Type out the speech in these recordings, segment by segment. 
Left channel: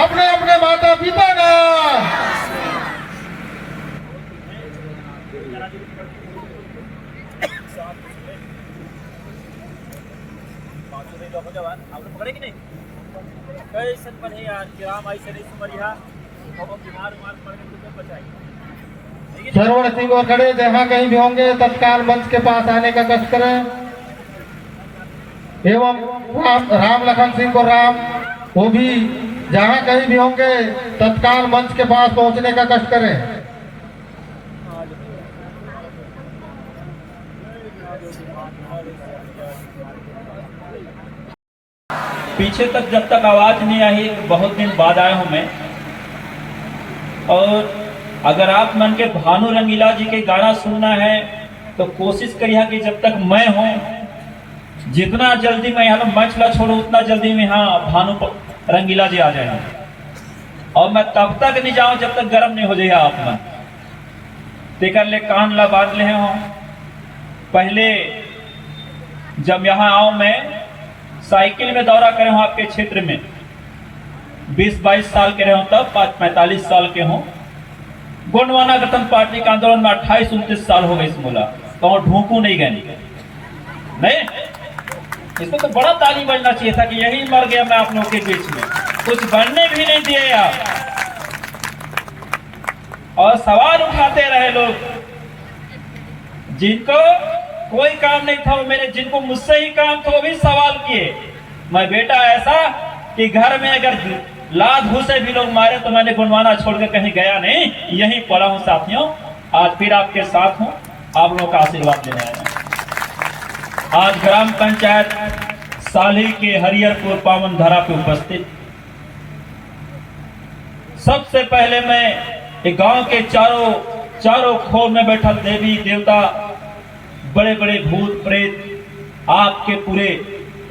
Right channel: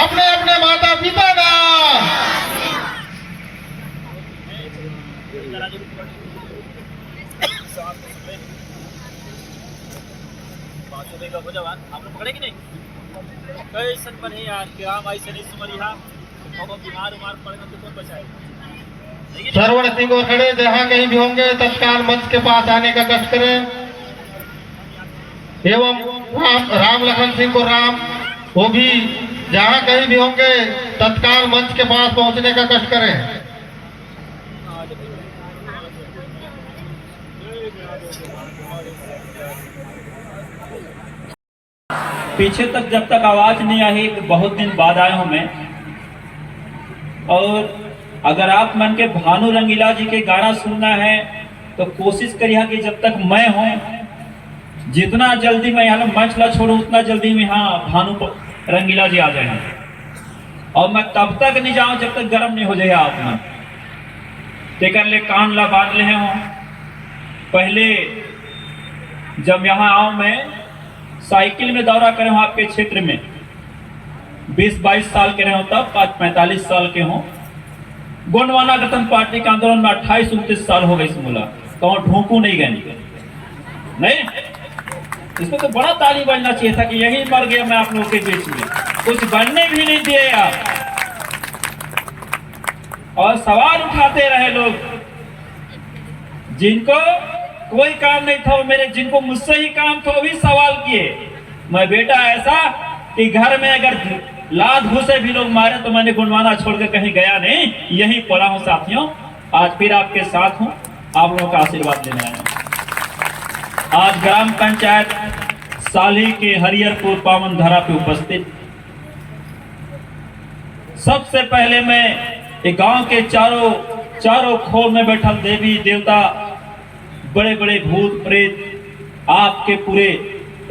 अपने अपने माता पिता नाम। आप लोग पकड़े कि नहीं? कैसन बने यार कि राम आई से नहीं सुमरिया बीमार उमार पड़ गए तो कौन बचाएगा? श्रवण सिंह और खड़े जहाँ कहीं भी होंगे तत्काल मंच के पास आने का कष्ट करें। एवं राम लखन सिंह को राम वो भी जहाँ कहीं भी होंगे तत्काल मंच के पास पहुंचने का कष्ट करें। पीछे तक जब तक आवाज नहीं आई, बहुत दिन बाद आया हूं मैं। और अगर आप मन के भानु रंगीला जी के गाना सुनना है तो कोशिश करिए कि जब तक मैं हूं, जितना जल्दी मैं यहाँ मंच ला छोड़ू उतना जल्दी में यहाँ भानु रंगीला जी आ जाए। और मैं तब तक नहीं जाऊं जब तक गर्म नहीं हो जाए आप मन तेकर ले कान ला बांध ले हूं। पहले जब यहाँ आओ मैं साइकिल में दौरा करे हूं आपके क्षेत्र में, 20-22 साल के रहे हो, तब 45 साल के हो। गोंडवाना गठन पार्टी के आंदोलन में 28-29 साल हो गए इस मोला, तो ढूंढू नहीं गए नहीं। इसको तो बड़ा ताली बजना चाहिए था कि यही मर गया मैं आप लोगों के बीच में, कुछ बनने भी नहीं दिए यार। और सवाल उठाते रहे लोग जिनको कोई काम नहीं था, मेरे जिनको मुझसे ही काम था वो भी सवाल किए। मैं बेटा ऐसा कि घर में अगर लात घुसे भी लोग मारे तो मैंने गोंडवाना छोड़कर कहीं गया नहीं, यहीं पड़ा हूं साथियों। आज फिर आपके साथ हूं, आप लोगों का आशीर्वाद लेने आया। आज ग्राम पंचायत साली के हरिहरपुर पावन धारा पे उपस्थित, सबसे पहले मैं एक गांव के चारों खोर में बैठल देवी देवता, बड़े बड़े भूत प्रेत, आपके पूरे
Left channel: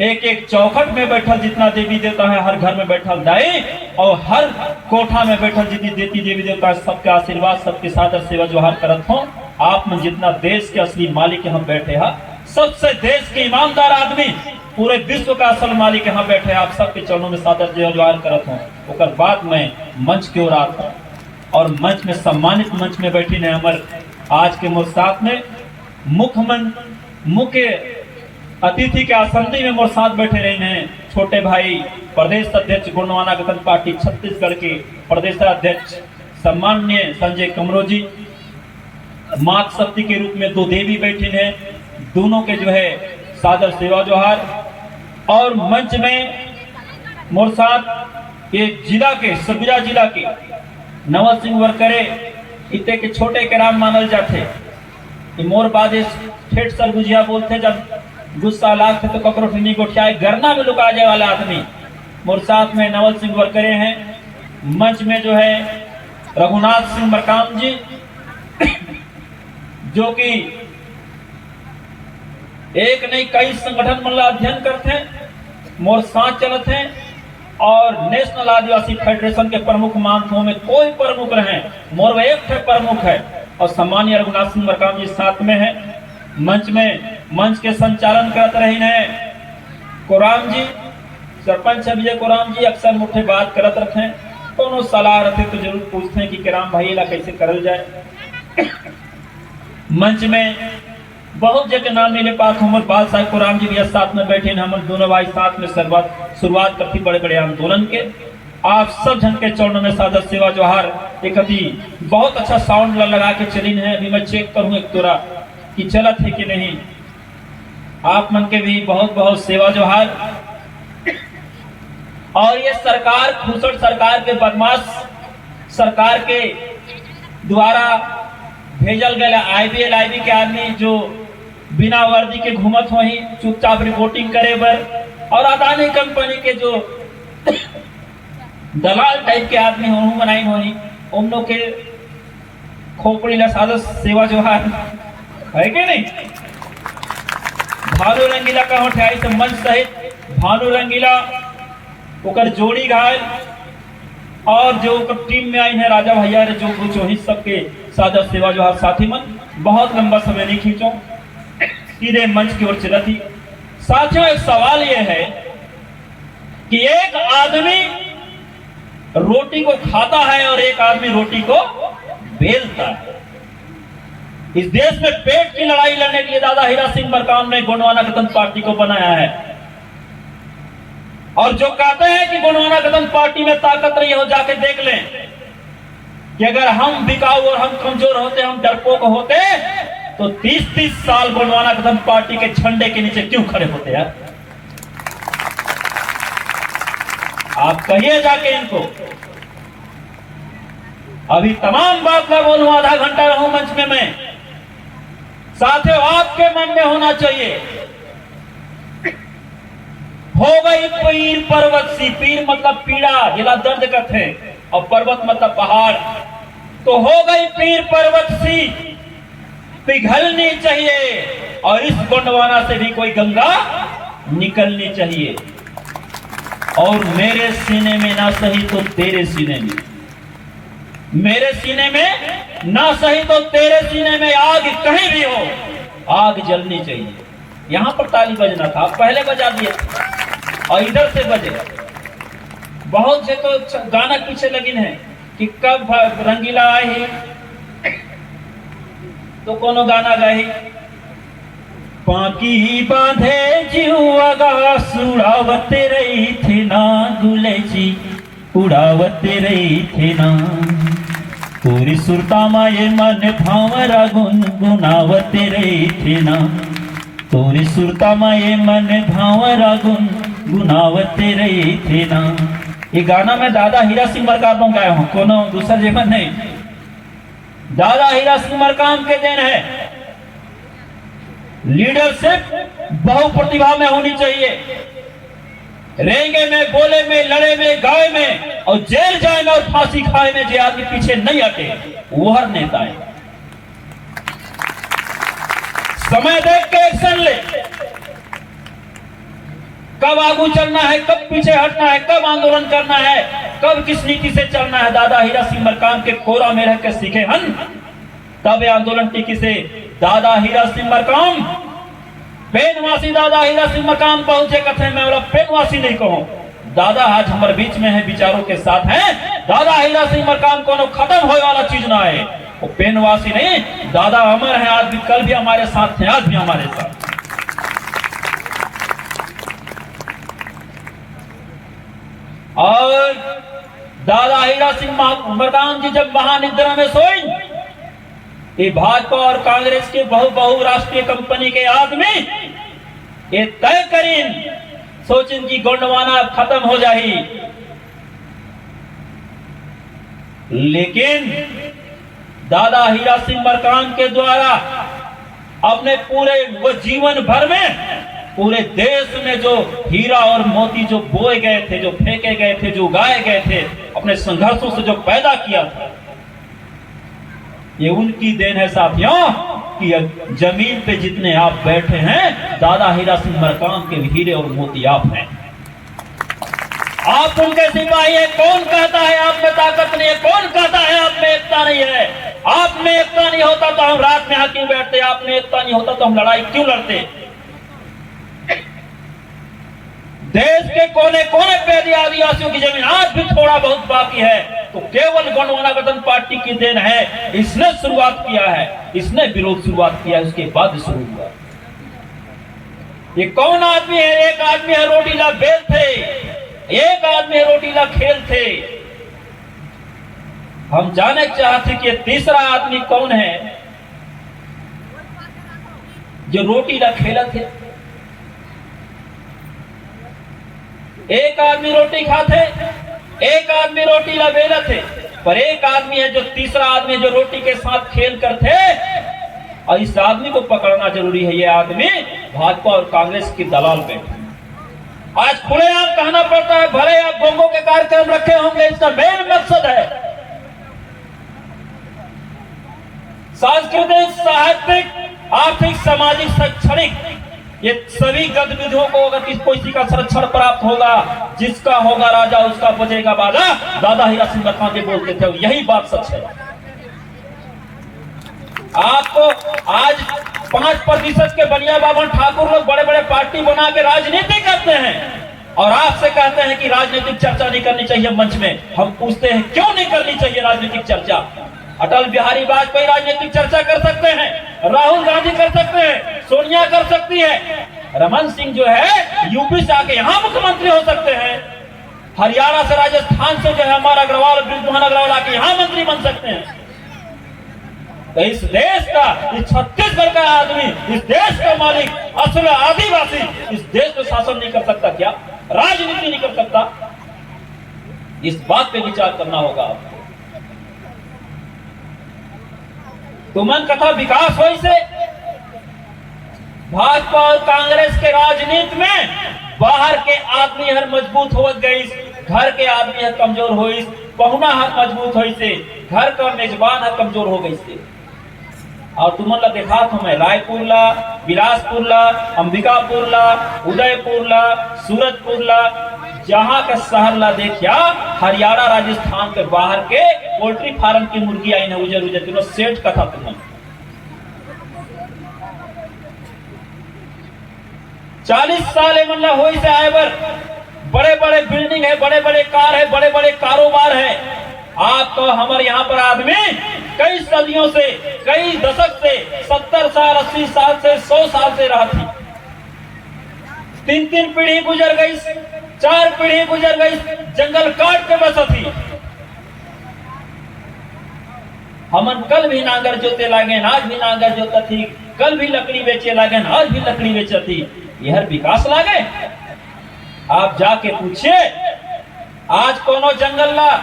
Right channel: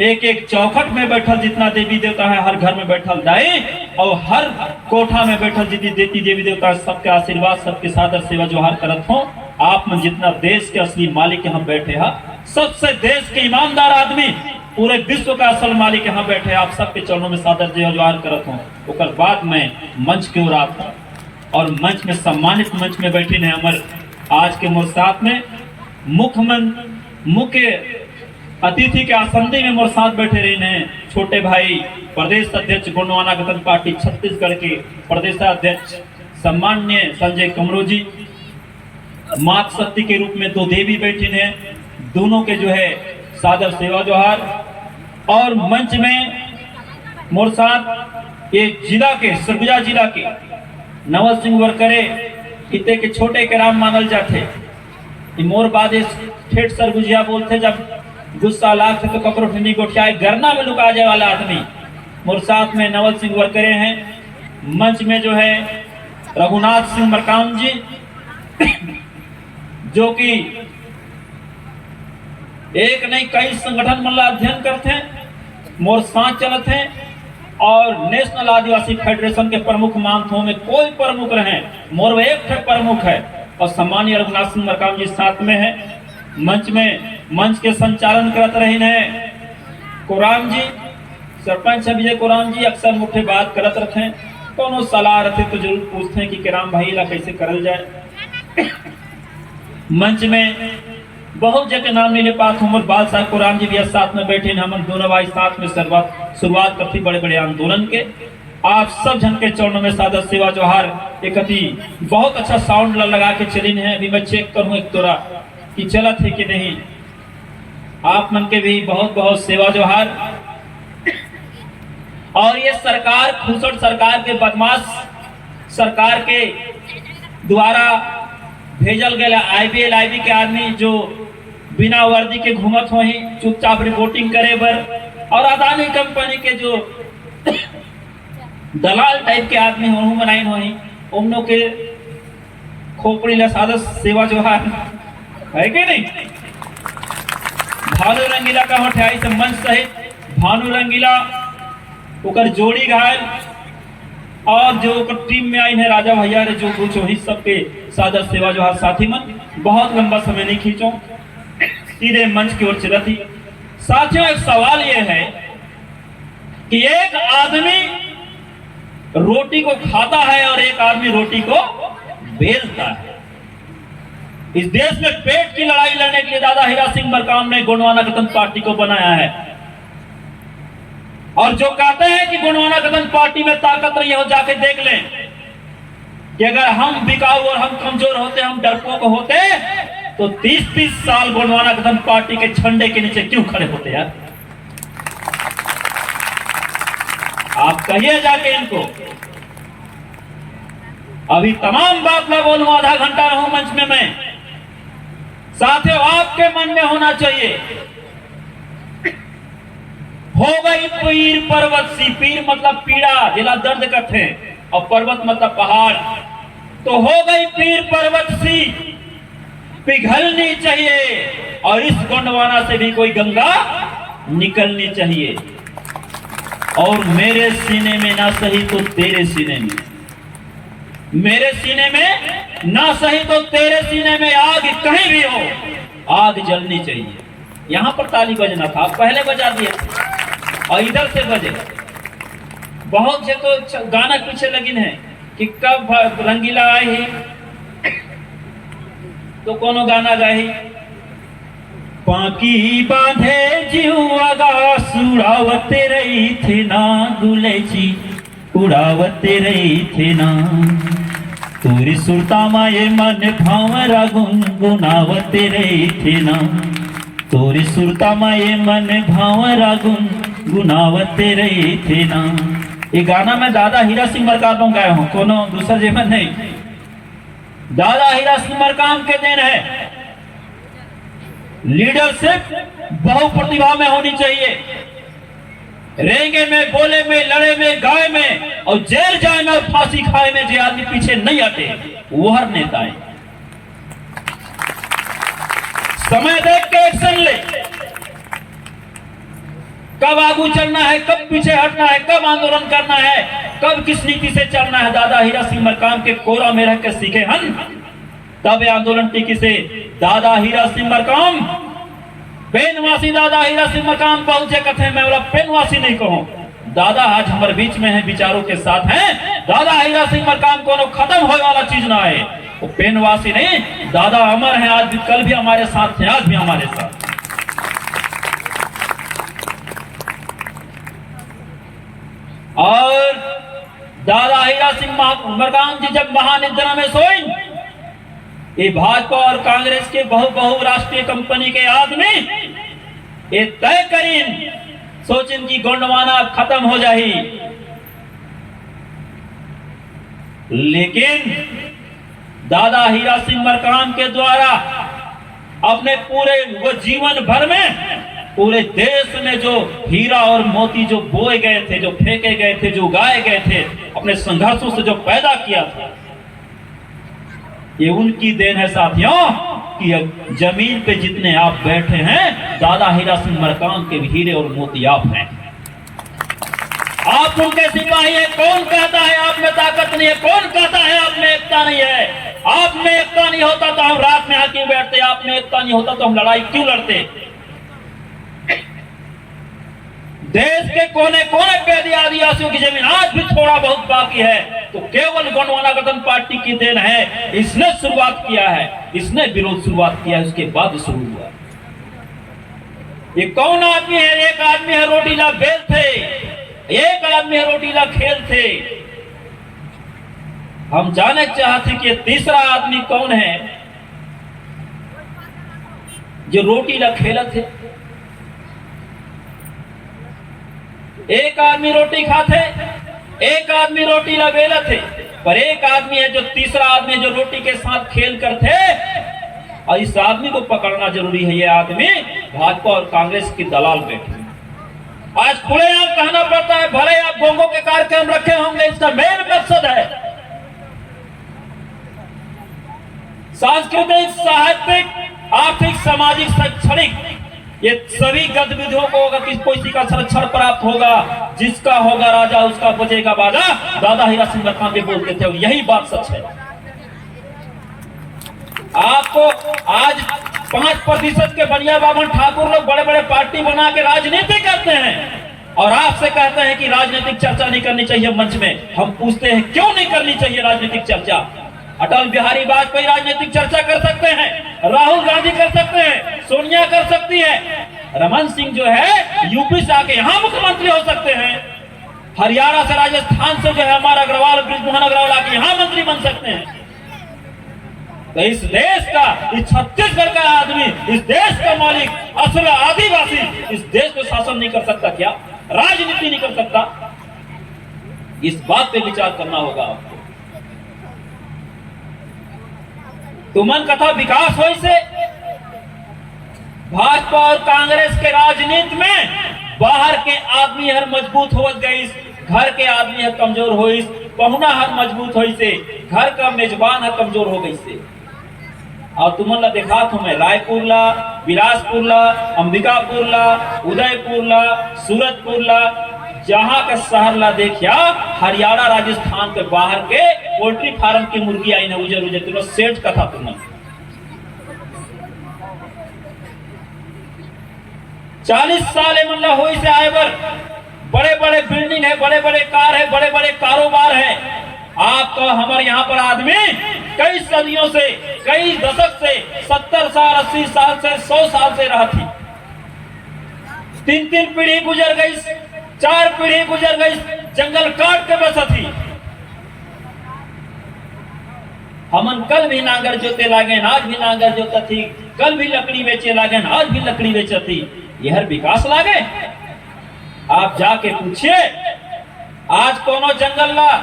एक एक चौखट में बैठल जितना देवी देवता है, हर घर में बैठल दाई और हर कोठा में बैठल जितनी देवी देवता है, सबके आशीर्वाद, सबके सादर सेवा जोहार करत हो। आप में जितना देश के असली मालिक यहाँ बैठे हैं, सबसे देश के ईमानदार आदमी, पूरे विश्व का असल मालिक यहाँ बैठे, आप सबके चरणों में सादर जोहार करत हो। उसके बाद मैं मंच की ओर आता हूँ और मंच में सम्मानित मंच में बैठी ने अमर आज के मोर साथ में मुख्य अतिथि के आसंदी में मोर साथ बैठे रहे हैं छोटे भाई प्रदेश अध्यक्ष गोंडवाना गठन पार्टी छत्तीसगढ़ के प्रदेशाध्यक्ष सम्मान्य संजय कमरो जी। मात शक्ति के रूप में दो देवी बैठी हैं, दोनों के जो है सादर सेवा जोहार। और मंच में मोर साथ ये जिला के सरगुजा जिला के नवल सिंह वरकरे इतने के छोटे के राम मानल जाते, मोर बाद ठेठ सरगुजिया बोलते, जब गुस्सा लाग थे तो ककरो ठंडी गोठिया गरना में लुका जाए वाला आदमी। मोर साथ में नवल सिंह वरकरे हैं। मंच में जो है रघुनाथ सिंह मरकाम जी जो कि एक नहीं कई संगठन मतलब अध्ययन करते हैं, मोर साथ चलते हैं और नेशनल आदिवासी फेडरेशन के प्रमुख मानथों में कोई प्रमुख रहे, मोर एक थे प्रमुख है। और सम्मानीय रघुनाथ सिंह मरकाम जी साथ में है। मंच के संचालन करते रहे हैं कोराम जी, सरपंच विजय कोराम जी। अक्सर मुठे बात करत रहते हैं, कोनो सलाह रहते तो जरूर पूछते हैं कि किराम भाई ला कैसे करल जाए। मंच में बहुत जगह नाम नहीं ले पाते, हम बाल साहब कोराम जी भी साथ में बैठे, हम दोनों भाई साथ में शुरुआत करती बड़े बड़े आंदोलन के। आप सब जन के चरणों में सादर सेवा जोहार। एक अभी बहुत अच्छा साउंड लगा के चलिन है, अभी मैं चेक करूं एक तोरा कि चलत है कि नहीं। आप मन के भी बहुत बहुत सेवा जोहार। और ये सरकार, खुसड़ सरकार के बदमाश सरकार के द्वारा भेजल गए IBL के आदमी जो बिना वर्दी के घूमत हो ही चुपचाप रिपोर्टिंग करे बर, और अदानी कंपनी के जो दलाल टाइप के आदमी हो बनाई हो ही उन लोग के खोपड़ी ला सादर सेवा जोहार है कि नहीं। भानु रंगीला का उठाई से मंच सहित भानु रंगीला ओकर जोड़ी घायल और जो टीम में आई है राजा भैया रे जो कुछ ही सबके सादर सेवा जोहार। साथी मन बहुत लंबा समय नहीं खींचो, सीधे मंच की ओर चला थी। साथियों एक सवाल यह है कि एक आदमी रोटी को खाता है और एक आदमी रोटी को बेचता है। इस देश में पेट की लड़ाई लड़ने के लिए दादा हीरा सिंह मरकाम ने गोंडवाना गणतंत्र पार्टी को बनाया है। और जो कहते हैं कि गोंडवाना गणतंत्र पार्टी में ताकत नहीं हो, जाके देख लें कि अगर हम बिकाऊ और हम कमजोर होते, हम डरपोक होते, तो 30-30 साल गोंडवाना गणतंत्र पार्टी के झंडे के नीचे क्यों खड़े होते यार? आप कहिए जाके इनको। अभी तमाम बात मैं बोलूं, आधा घंटा रहूं मंच में मैं, साथियों आपके मन में होना चाहिए, हो गई पीर पर्वत सी, पीर मतलब पीड़ा जिला दर्द करते, और पर्वत मतलब पहाड़, तो हो गई पीर पर्वत सी पिघलनी चाहिए, और इस गोंडवाना से भी कोई गंगा निकलनी चाहिए। और मेरे सीने में ना सही तो तेरे सीने में, मेरे सीने में ना सही तो तेरे सीने में आग कहीं भी हो, आग जलनी चाहिए। यहां पर ताली बजना था, पहले बजा दिए और इधर से बजे। बहुत से तो गाना पीछे लगिन है कि कब रंगीला आई तो कोनो गाना गाही, पाकी बांधे जीवगा उड़ावते रही थे ना दुले जी, उड़ावते रही थे ना, तोरी सुरता माये मन भावरा गुनगुनावते रही थे ना, तोरी सुरता माये मन भावरा गुनगुनावते रही थे ना। ये गाना मैं दादा हीरा सिंह मरकाम गाए हूं, कोनो दूसरा जीवन नहीं, दादा हीरा सिंह मरकाम के देन है। लीडरशिप बहु प्रतिभा में होनी चाहिए, रेंगे में, बोले में, लड़े में, गाए में, और जेल जाए में और फांसी खाए में जो आदमी पीछे नहीं हटे वो हर नेता है। समय देख के एक्शन ले, कब आगू चलना है, कब पीछे हटना है, कब आंदोलन करना है, कब किस नीति से चलना है। दादा हीरा सिंह मरकाम के कोरा में रह के सीखे हन, तब आंदोलन टीकी से दादा हीरा सिंह मरकाम, पेनवासी दादा हीरा सिंह मरकाम पहुंचे कथे, मैं बोला पेनवासी नहीं कहूं, दादा आज हमारे बीच में है, विचारों के साथ हैं। दादा हीरा सिंह मरकाम को खत्म होने वाला चीज ना है, वो पेनवासी नहीं, दादा अमर है, आज भी, कल भी हमारे साथ थे, आज भी हमारे साथ। और दादा हीरा सिंह मरकाम जी जब महानिद्रा में सोई, ये भाजपा और कांग्रेस के बहुराष्ट्रीय कंपनी के आदमी ये तय करीन सोचिन की गोंडवाना खत्म हो जाही, लेकिन दादा हीरा सिंह मरकाम के द्वारा अपने पूरे वो जीवन भर में पूरे देश में जो हीरा और मोती जो बोए गए थे, जो फेंके गए थे, जो उगाए गए थे, अपने संघर्षों से जो पैदा किया था, ये उनकी देन है साथियों कि जमीन पे जितने आप बैठे हैं, दादा हीरा सिंह मरकाम के हीरे और मोती आप हैं। आप उनके सिपाही हैं। कौन कहता है आप में ताकत नहीं है? कौन कहता है आप में एकता नहीं है? आप में एकता नहीं होता तो हम रात में यहाँ क्यों बैठते? आप में एकता नहीं होता तो हम लड़ाई क्यों लड़ते? देश के कोने कोने पे यदि आदिवासियों की जमीन आज भी थोड़ा बहुत बाकी है तो केवल गोंडवाना गणतंत्र पार्टी की देन है। इसने शुरुआत किया है, इसने विरोध शुरुआत किया है, उसके बाद शुरू हुआ। ये कौन आदमी है? एक आदमी है रोटीला बेल थे, एक आदमी है रोटीला खेल थे। हम जाने चाहते कि तीसरा आदमी कौन है जो रोटीला खेला थे। एक आदमी रोटी खाते, एक आदमी रोटी बेला थे, पर एक आदमी है जो तीसरा आदमी जो रोटी के साथ खेल कर थे, और इस आदमी को पकड़ना जरूरी है। ये आदमी भाजपा और कांग्रेस की दलाल बैठे आज खुलेआम कहना पड़ता है, भले आप गोंगों के कार्यक्रम रखे होंगे, इसका मेन मकसद है सांस्कृतिक, साहित्यिक, आर्थिक, सामाजिक, शैक्षणिक ये सभी गतिविधियों को अगर किसी का संरक्षण प्राप्त होगा, जिसका होगा राजा उसका बजेगा बाजा, दादा हीरा सिंह मरकाम जी बोलते थे, और यही बात सच है। आपको आज 5% के बनिया बाबन ठाकुर लोग बड़े बड़े पार्टी बना के राजनीति करते हैं, और आपसे कहते हैं कि राजनीतिक चर्चा नहीं करनी चाहिए मंच में। हम पूछते हैं क्यों नहीं करनी चाहिए राजनीतिक चर्चा? अटल बिहारी वाजपेयी राजनीतिक चर्चा कर सकते हैं, राहुल गांधी कर सकते हैं, सोनिया कर सकती है, रमन सिंह जो है यूपी से आके यहाँ मुख्यमंत्री हो सकते हैं, हरियाणा से राजस्थान से जो है हमारा अग्रवाल बृजमोहन अग्रवाल आके यहाँ मंत्री बन सकते हैं। तो इस देश का, इस छत्तीसगढ़ का आदमी, इस देश का मालिक, असल आदिवासी इस देश को शासन नहीं कर सकता क्या? राजनीति नहीं कर सकता? इस बात पे विचार करना होगा आपको। तुमन कथा विकास हो से भाजपा और कांग्रेस के राजनीति में बाहर के आदमी हर मजबूत हो गई, घर के आदमी हर कमजोर हो, पहुना हर मजबूत हो से, घर का मेजबान हर कमजोर हो गई से। और तुमन ला दिखात हूं मैं रायपुर ला, बिलासपुर ला, अंबिकापुर ला, उदयपुर ला, सूरजपुर ला, जहां का शहर ला देखिया, हरियाणा राजस्थान के बाहर के पोल्ट्री फार्म की मुर्गी आई न उजर उजर तीनों सेठ कथा तुम 40 साल मतलब हो से आए बर बड़े बड़े बिल्डिंग है, बड़े बड़े कार है, बड़े बड़े कारोबार है। आपको हमारे यहाँ पर आदमी कई सदियों से, कई दशक से, 70 साल 80 साल से 100 साल से रहा थी। 3 पीढ़ी गुजर गई, 4 पीढ़ी गुजर गई, जंगल काट के बस थी। हमन कल भी नांगर जोते लागे, आज भी नांगर जोता थी, कल भी लकड़ी बेचे लागे, आज भी लकड़ी बेचे थी। यह विकास लागे? आप जाके पूछिए, आज कोनो जंगल ला,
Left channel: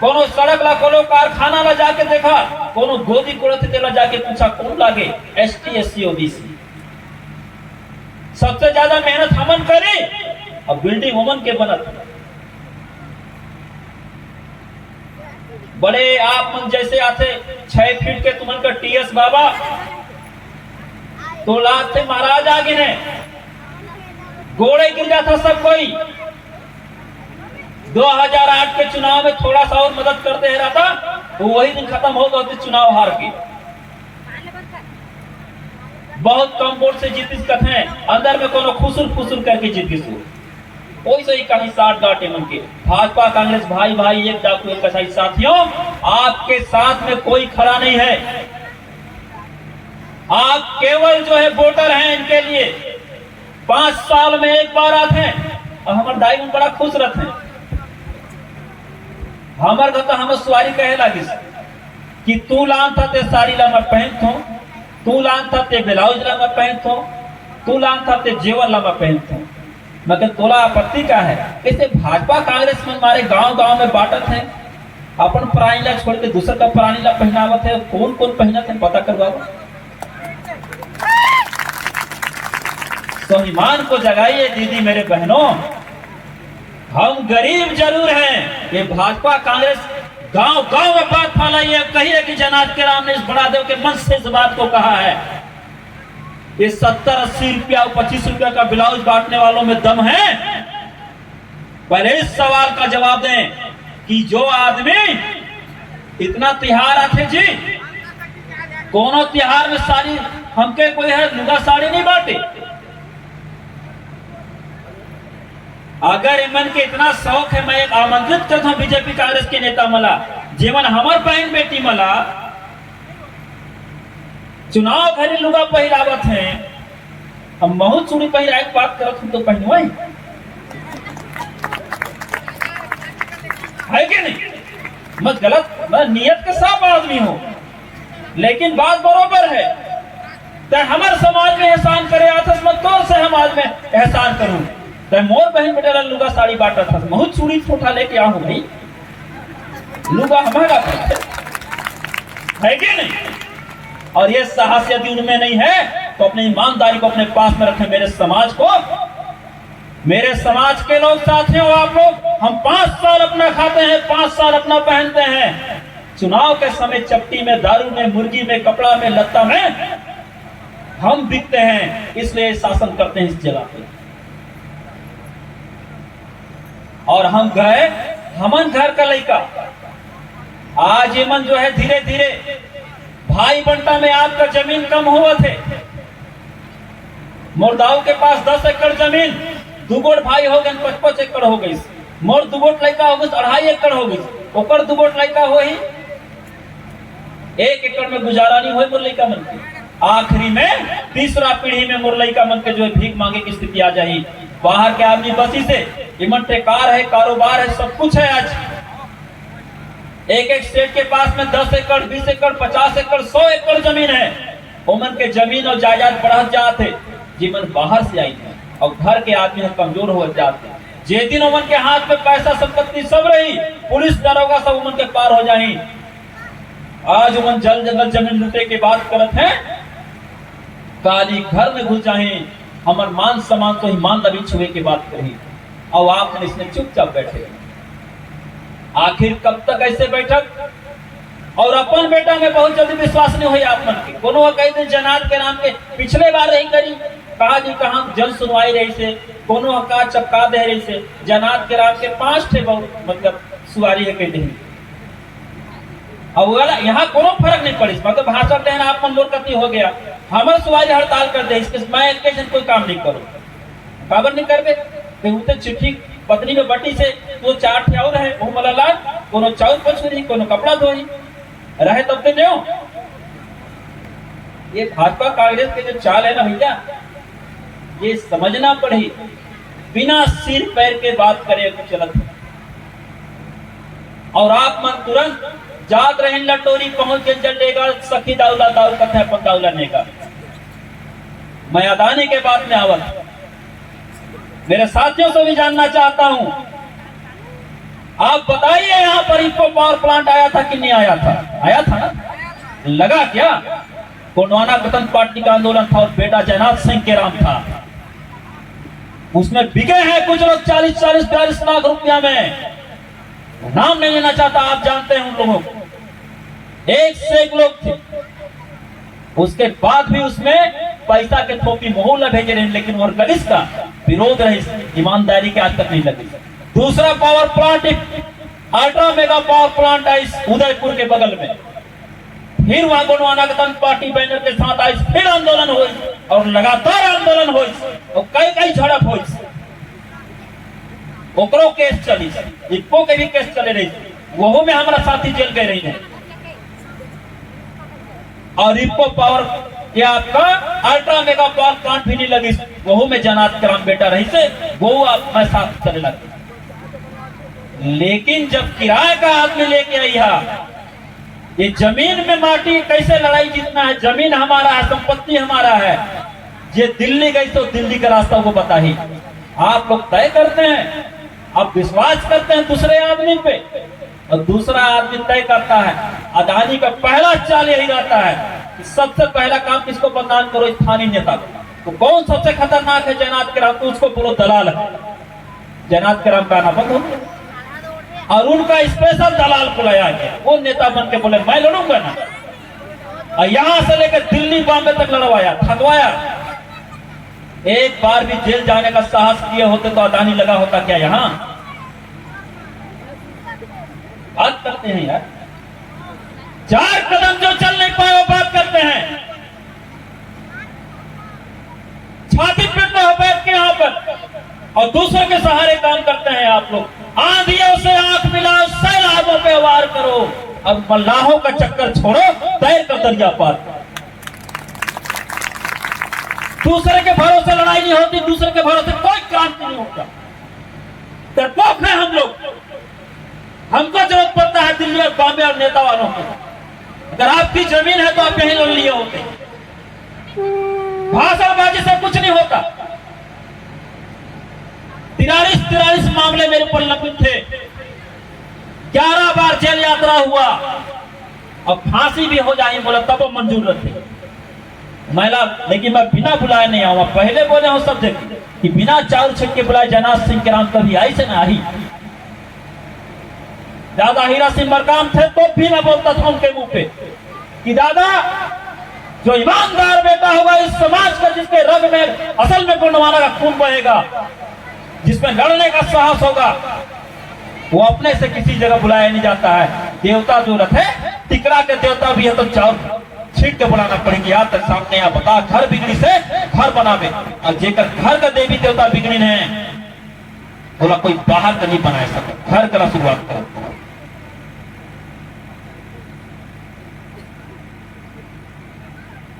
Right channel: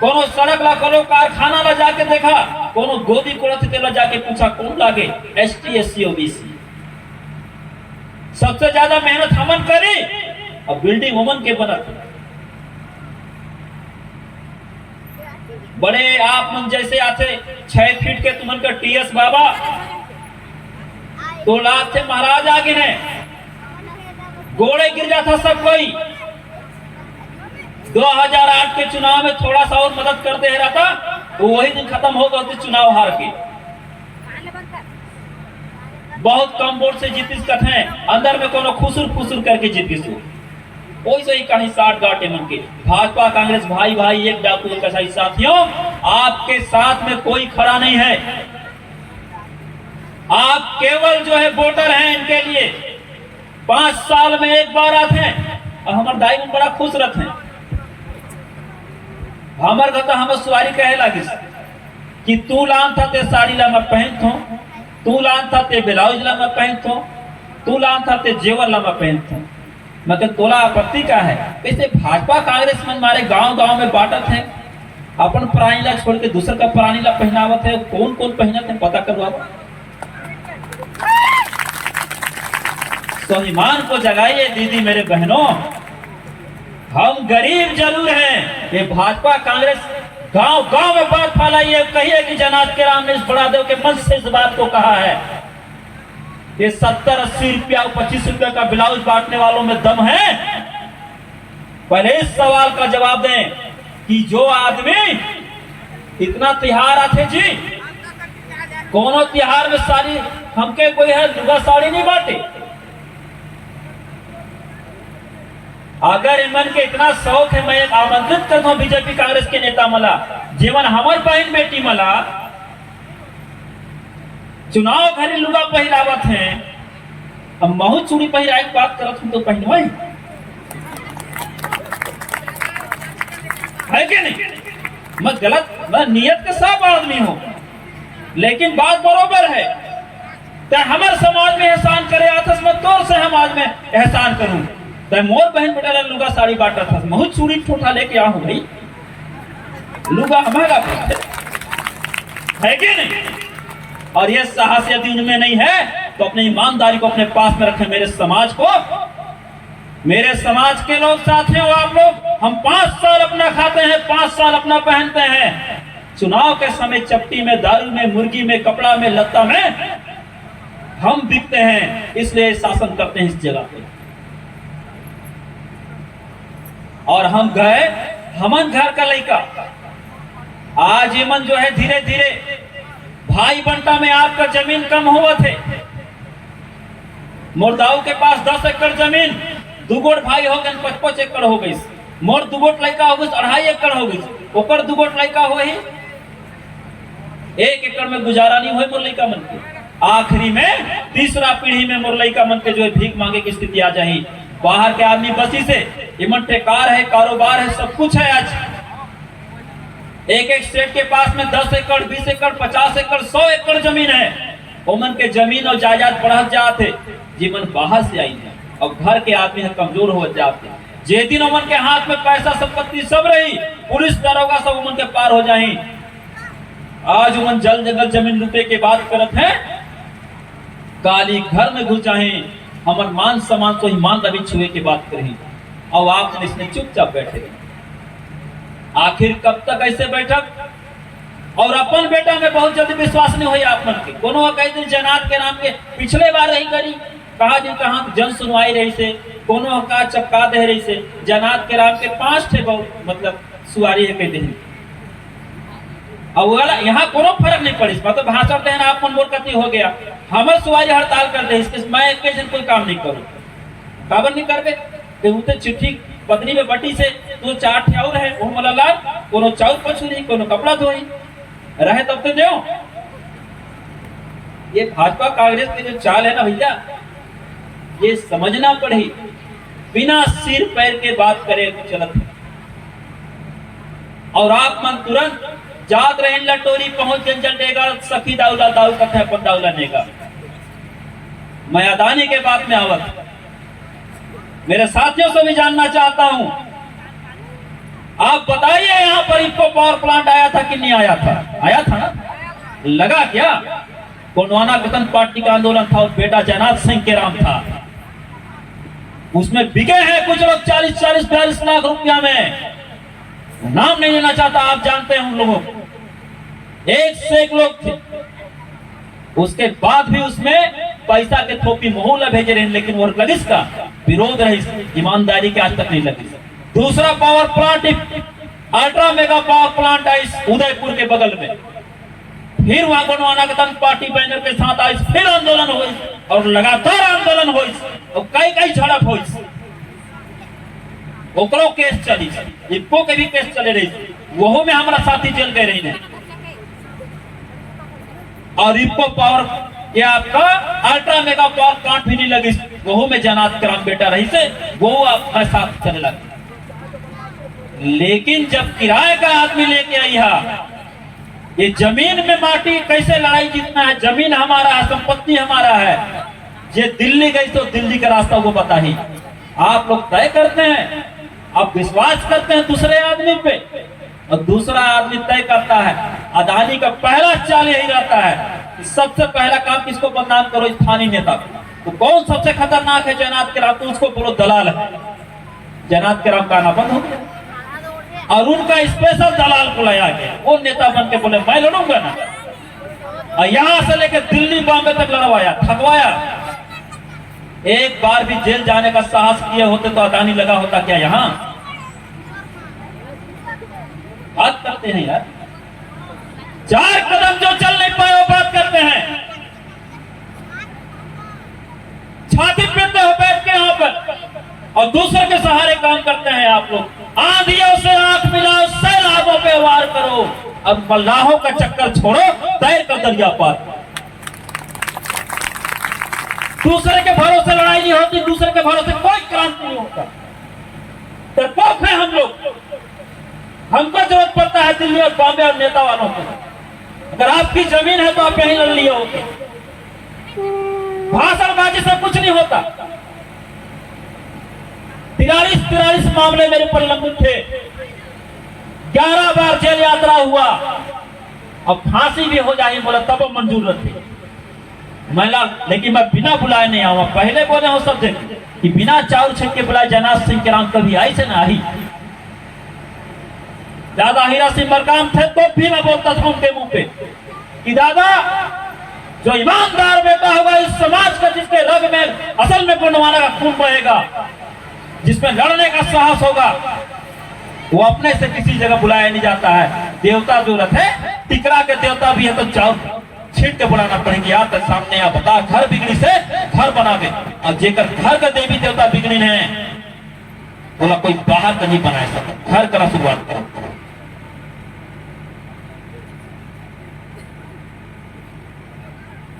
कोनो सड़क ला, कोनो कारखाना ला जाके देखा, कोनो गोदी कुड़त ला जाके पूछा कौन लागे? ST SC OBC। सबसे ज्यादा मेहनत हमन करी और बिल्डिंग हमन के बनत। बड़े आप मन जैसे आते 6 फीट के तुमन का TS बाबा तो लाभ थे महाराज आगे ने गोड़े गिर जाता सब कोई। 2008 के चुनाव में थोड़ा सा और मदद करते है रहता, वही दिन खत्म हो गए चुनाव हार के। बहुत कम वोट से जीतिस कथे, अंदर में कोनो खुसुर फुसुर करके जीत गई। कोई सही कहीं 60 गाटे मन के भाजपा कांग्रेस भाई भाई एक डाकू एक कसाई। साथियों, आपके साथ में कोई खड़ा नहीं है। आप केवल जो है वोटर हैं, इनके लिए 5 साल में एक बार आते हैं और हमारे दाई में बड़ा खुश रहते हैं। हमारे घर तो हमें सवारी कहे लगी कि तू लान था ते साड़ी ला मैं पहनत हूं, तू लान था ते ब्लाउज ला मैं पहनत हूं, तू लान था ते जेवर ला मैं पहनत हूं। मतलब तोला आपत्ति का है? इसे भाजपा कांग्रेस में हमारे गांव-गांव में बांटत है, अपन प्राणी ला छोड़ के दूसर का प्राणी ला पहनावत है। कौन कौन पहनत है पता करवा। स्वाभिमान को जगाइए दीदी मेरे बहनों। हम गरीब जरूर हैं, ये भाजपा कांग्रेस गांव-गांव में बात फैलाइए, कहिए कि जनाज के राम ने इस बड़ा देव के मंच से इस बात को कहा है। ये 70-80 रुपया और 25 रुपया का ब्लाउज बांटने वालों में दम है? पहले इस सवाल का जवाब दें कि जो आदमी इतना तिहार आते जी, कोनो तिहार में साड़ी हमके कोई है लुगा साड़ी नहीं बांटे। अगर इमन के इतना शौक है, मैं एक आमंत्रित करता हूं बीजेपी कांग्रेस के नेता मला, जीवन हमार बहन बेटी मला चुनाव घरी लुगा पहिरावत हैं, हम महू चूड़ी पहिराए की बात करत हूं तो पहनवाई है कि नहीं? मत गलत, मैं नियत के साफ आदमी हूं, लेकिन बात बराबर है। तो हमारे समाज में एहसान करे आतस मत तौर से हम आज में एहसान करूं। तो मोर बहन बेटा लुगा साड़ी बांटा था, महू चूड़ी ठोठा लेके आऊं भाई, लुगा हमारा है कि नहीं? और ये साहस यदि उनमें नहीं है तो अपनी ईमानदारी को अपने पास में रखें। मेरे समाज को, मेरे समाज के लोग साथियों, आप लोग, हम 5 साल अपना खाते हैं, 5 साल अपना पहनते हैं। चुनाव के समय चपटी में, दारू में, मुर्गी में, कपड़ा में, लत्ता में हम बिकते हैं, इसलिए शासन करते हैं इस जगह पे। और हम गए, हमन घर का लड़का आज एमन जो है धीरे धीरे भाई बंटा में आपका जमीन कम हुआ थे। मुर्दाऊ के पास 10 एकड़ जमीन, दू गोट भाई हो गए 55 एकड़ हो गई, मोर दू गोट लड़का हो गई 2.5 एकड़ हो गई, ओकर दू गोट लड़का हो ही 1 एकड़ में गुजारा नहीं हुए मोर लड़का मन के। आखिरी में तीसरा पीढ़ी में मोर लड़का मन के जो है भीख मांगे की स्थिति आ जाही। बाहर के आदमी बसी से इमन ठेकार है, कारोबार है, सब कुछ है। आज एक स्टेट के पास में 10 एकड़ 20 एकड़ 50 एकड़ 100 एकड़ जमीन है। ओमन के जमीन और जायदाद बढ़त जाते, जीवन बाहर से आई थे और घर के आदमी है कमजोर हो जाते। जे दिन ओमन के हाथ में पैसा संपत्ति सब रही, पुलिस दरोगा सब ओमन के पार हो जाही। आज ओमन जल जंगल जमीन लूटे के बात करत हैं, काली घर में घुस जाए, हमार मान सम्मान तो ईमान अभी छुए की बात करी और आपने इसने चुपचाप बैठे। आखिर कब तक ऐसे बैठक? और अपन बेटा में बहुत जल्दी विश्वास नहीं हुई आप मन के। कोनो कई दिन जनात के नाम के पिछले बार नहीं करी, कहा जी कहा जन सुनवाई रही से, कोनो का चपका दे रही से। जनात के नाम के 5 ठे मतलब सुवारी है कई दिन। और यहाँ कोनो फर्क नहीं पड़ी, मतलब भाषण देना आप मन मोर कति हो गया, हमारे सुवारी हड़ताल कर दे, इसके मैं एक कोई काम नहीं करूँ। खबर नहीं करबे चिट्ठी पत्नी में बटी से वो 4 ठे और है, वो मला लाल कोनो चाउर पछ रही, कोनो कपड़ा धोई रहे तब तो नहीं। ये भाजपा कांग्रेस के जो चाल है ना भैया, ये समझना पड़ी। बिना सिर पैर के बात करे तो चलत है। और आप मन तुरंत जात रहे लटोरी पहुंच जल देगा, सखी दाउला दाऊ कथे अपन दाउला नेगा। मैं अदानी के बात में आवत मेरे साथियों से भी जानना चाहता हूं, आप बताइए यहाँ पर इको पावर प्लांट आया था कि नहीं आया था? आया था ना? लगा क्या? गोंडवाना गठन पार्टी का आंदोलन था और बेटा जयनाथ सिंह के राम था। उसमें बिके हैं कुछ लोग 40-40-42 लाख रुपया में। नाम नहीं लेना चाहता, आप जानते हैं उन लोगों को। 1 से 1 लोग थे। उसके बाद भी उसमें पैसा के थोपी मोहल्ला भेजे रहे, लेकिन वो लगिस का विरोध रही, ईमानदारी के आज तक नहीं लगी। दूसरा power plant ultra mega power plant I Udaipur के बगल में, फिर वहां गोंडवाना गठन पार्टी बैनर के साथ आई, फिर आंदोलन हुई और लगातार आंदोलन हुई और कई झड़प हुई। ओकरो केस चली, इको के भी केस चले रही, वो में हमारा साथी जेल गए रही। और इको पावर के आपका अल्ट्रा मेगा पावर प्लांट भी नहीं लगी, वो में जनात कराम बेटा रही से वो आप मैं साथ चले लगे। लेकिन जब किराए का आदमी लेके आई है, ये जमीन में माटी कैसे लड़ाई जीतना है, जमीन हमारा है, संपत्ति हमारा है। ये दिल्ली गई तो दिल्ली का रास्ता वो पता ही। आप लोग तय करते हैं, आप विश्वास करते हैं दूसरे आदमी पे और दूसरा आदमी तय करता है। अदानी का पहला चाल यही रहता है कि सबसे पहला काम किसको बदनाम करो, स्थानीय नेता। तो कौन सबसे खतरनाक है? जयनाथ के राम, तो उसको बोलो दलाल है। जयनाथ के राम का नाम बंद हो गया और उनका स्पेशल दलाल बुलाया गया। वो नेता बन के बोले मैं लड़ूंगा ना, और यहां से लेकर दिल्ली बॉम्बे तक लड़वाया, थकवाया। एक बार भी जेल जाने का साहस किए होते तो अदानी लगा होता क्या यहां? बात करते हैं यार, 4 कदम जो चल नहीं पाए वो बात करते हैं। छाती पर तो बैठ के यहाँ पर और दूसरे के सहारे काम करते हैं आप लोग। आंधियों से आंख मिलाओ, सैलाबों पे वार करो, अब मल्लाहों का चक्कर छोड़ो, तय का दरिया पार। दूसरे के भरोसे लड़ाई नहीं होती, दूसरे के भरोसे कोई काम नहीं होता। डरपोक है हम लोग। हमको जरूरत पड़ता है दिल्ली और बॉम्बे और नेता वालों की। अगर आपकी जमीन है तो आप यहीं लड़ लिए होते। भाषणबाजी से कुछ नहीं होता। 43 मामले मेरे पर लंबित थे, 11 बार जेल यात्रा हुआ और फांसी भी हो जाए बोला तब मंजूर रहते महिला। लेकिन मैं बिना बुलाए नहीं आऊंगा। पहले बोले हो सब जगह कि बिना चाउर छक के बुलाए जयनाथ सिंह के नाम कभी आई से ना आई। दादा हीरा सिंह मरकाम थे तो भी मैं बोलता था उनके मुंह पे कि दादा जो ईमानदार बेटा होगा इस समाज का, जिसके रग में असल में गोंडवाना का खून बहेगा, जिसमें लड़ने का साहस होगा, वो अपने से किसी जगह बुलाया नहीं जाता है। देवता जो रथे टिकरा के देवता भी है तो चाउर छीट के बुलाना पड़ेगी। यार तो सामने आप बता घर बिगड़ी से घर बनावे और जेकर घर का देवी देवता बिगड़ी है बोला कोई बाहर का नहीं बना सके, घर का शुरुआत करो।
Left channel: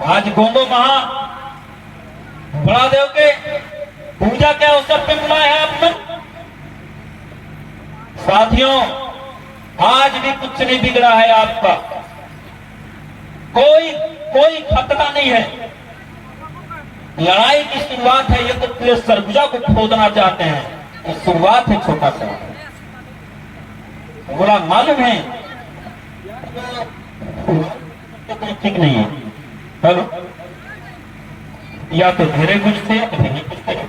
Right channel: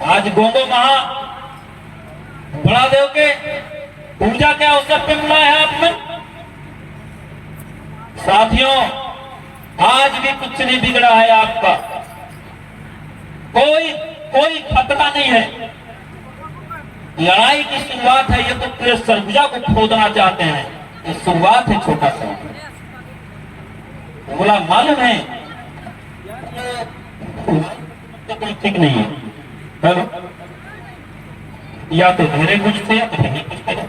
आज गोगो महा बड़ा देव के पूजा के अवसर पे बुलाया है आपने। साथियों, आज भी कुछ नहीं बिगड़ा है आपका, कोई खतरा नहीं है। लड़ाई की शुरुआत है, ये तो पूरे सरगुजा को खोदना चाहते हैं, तो शुरुआत है छोटा सा। बोला मालूम है ठीक नहीं है, हेलो या तो धीरे पूछते या तो नहीं पूछते।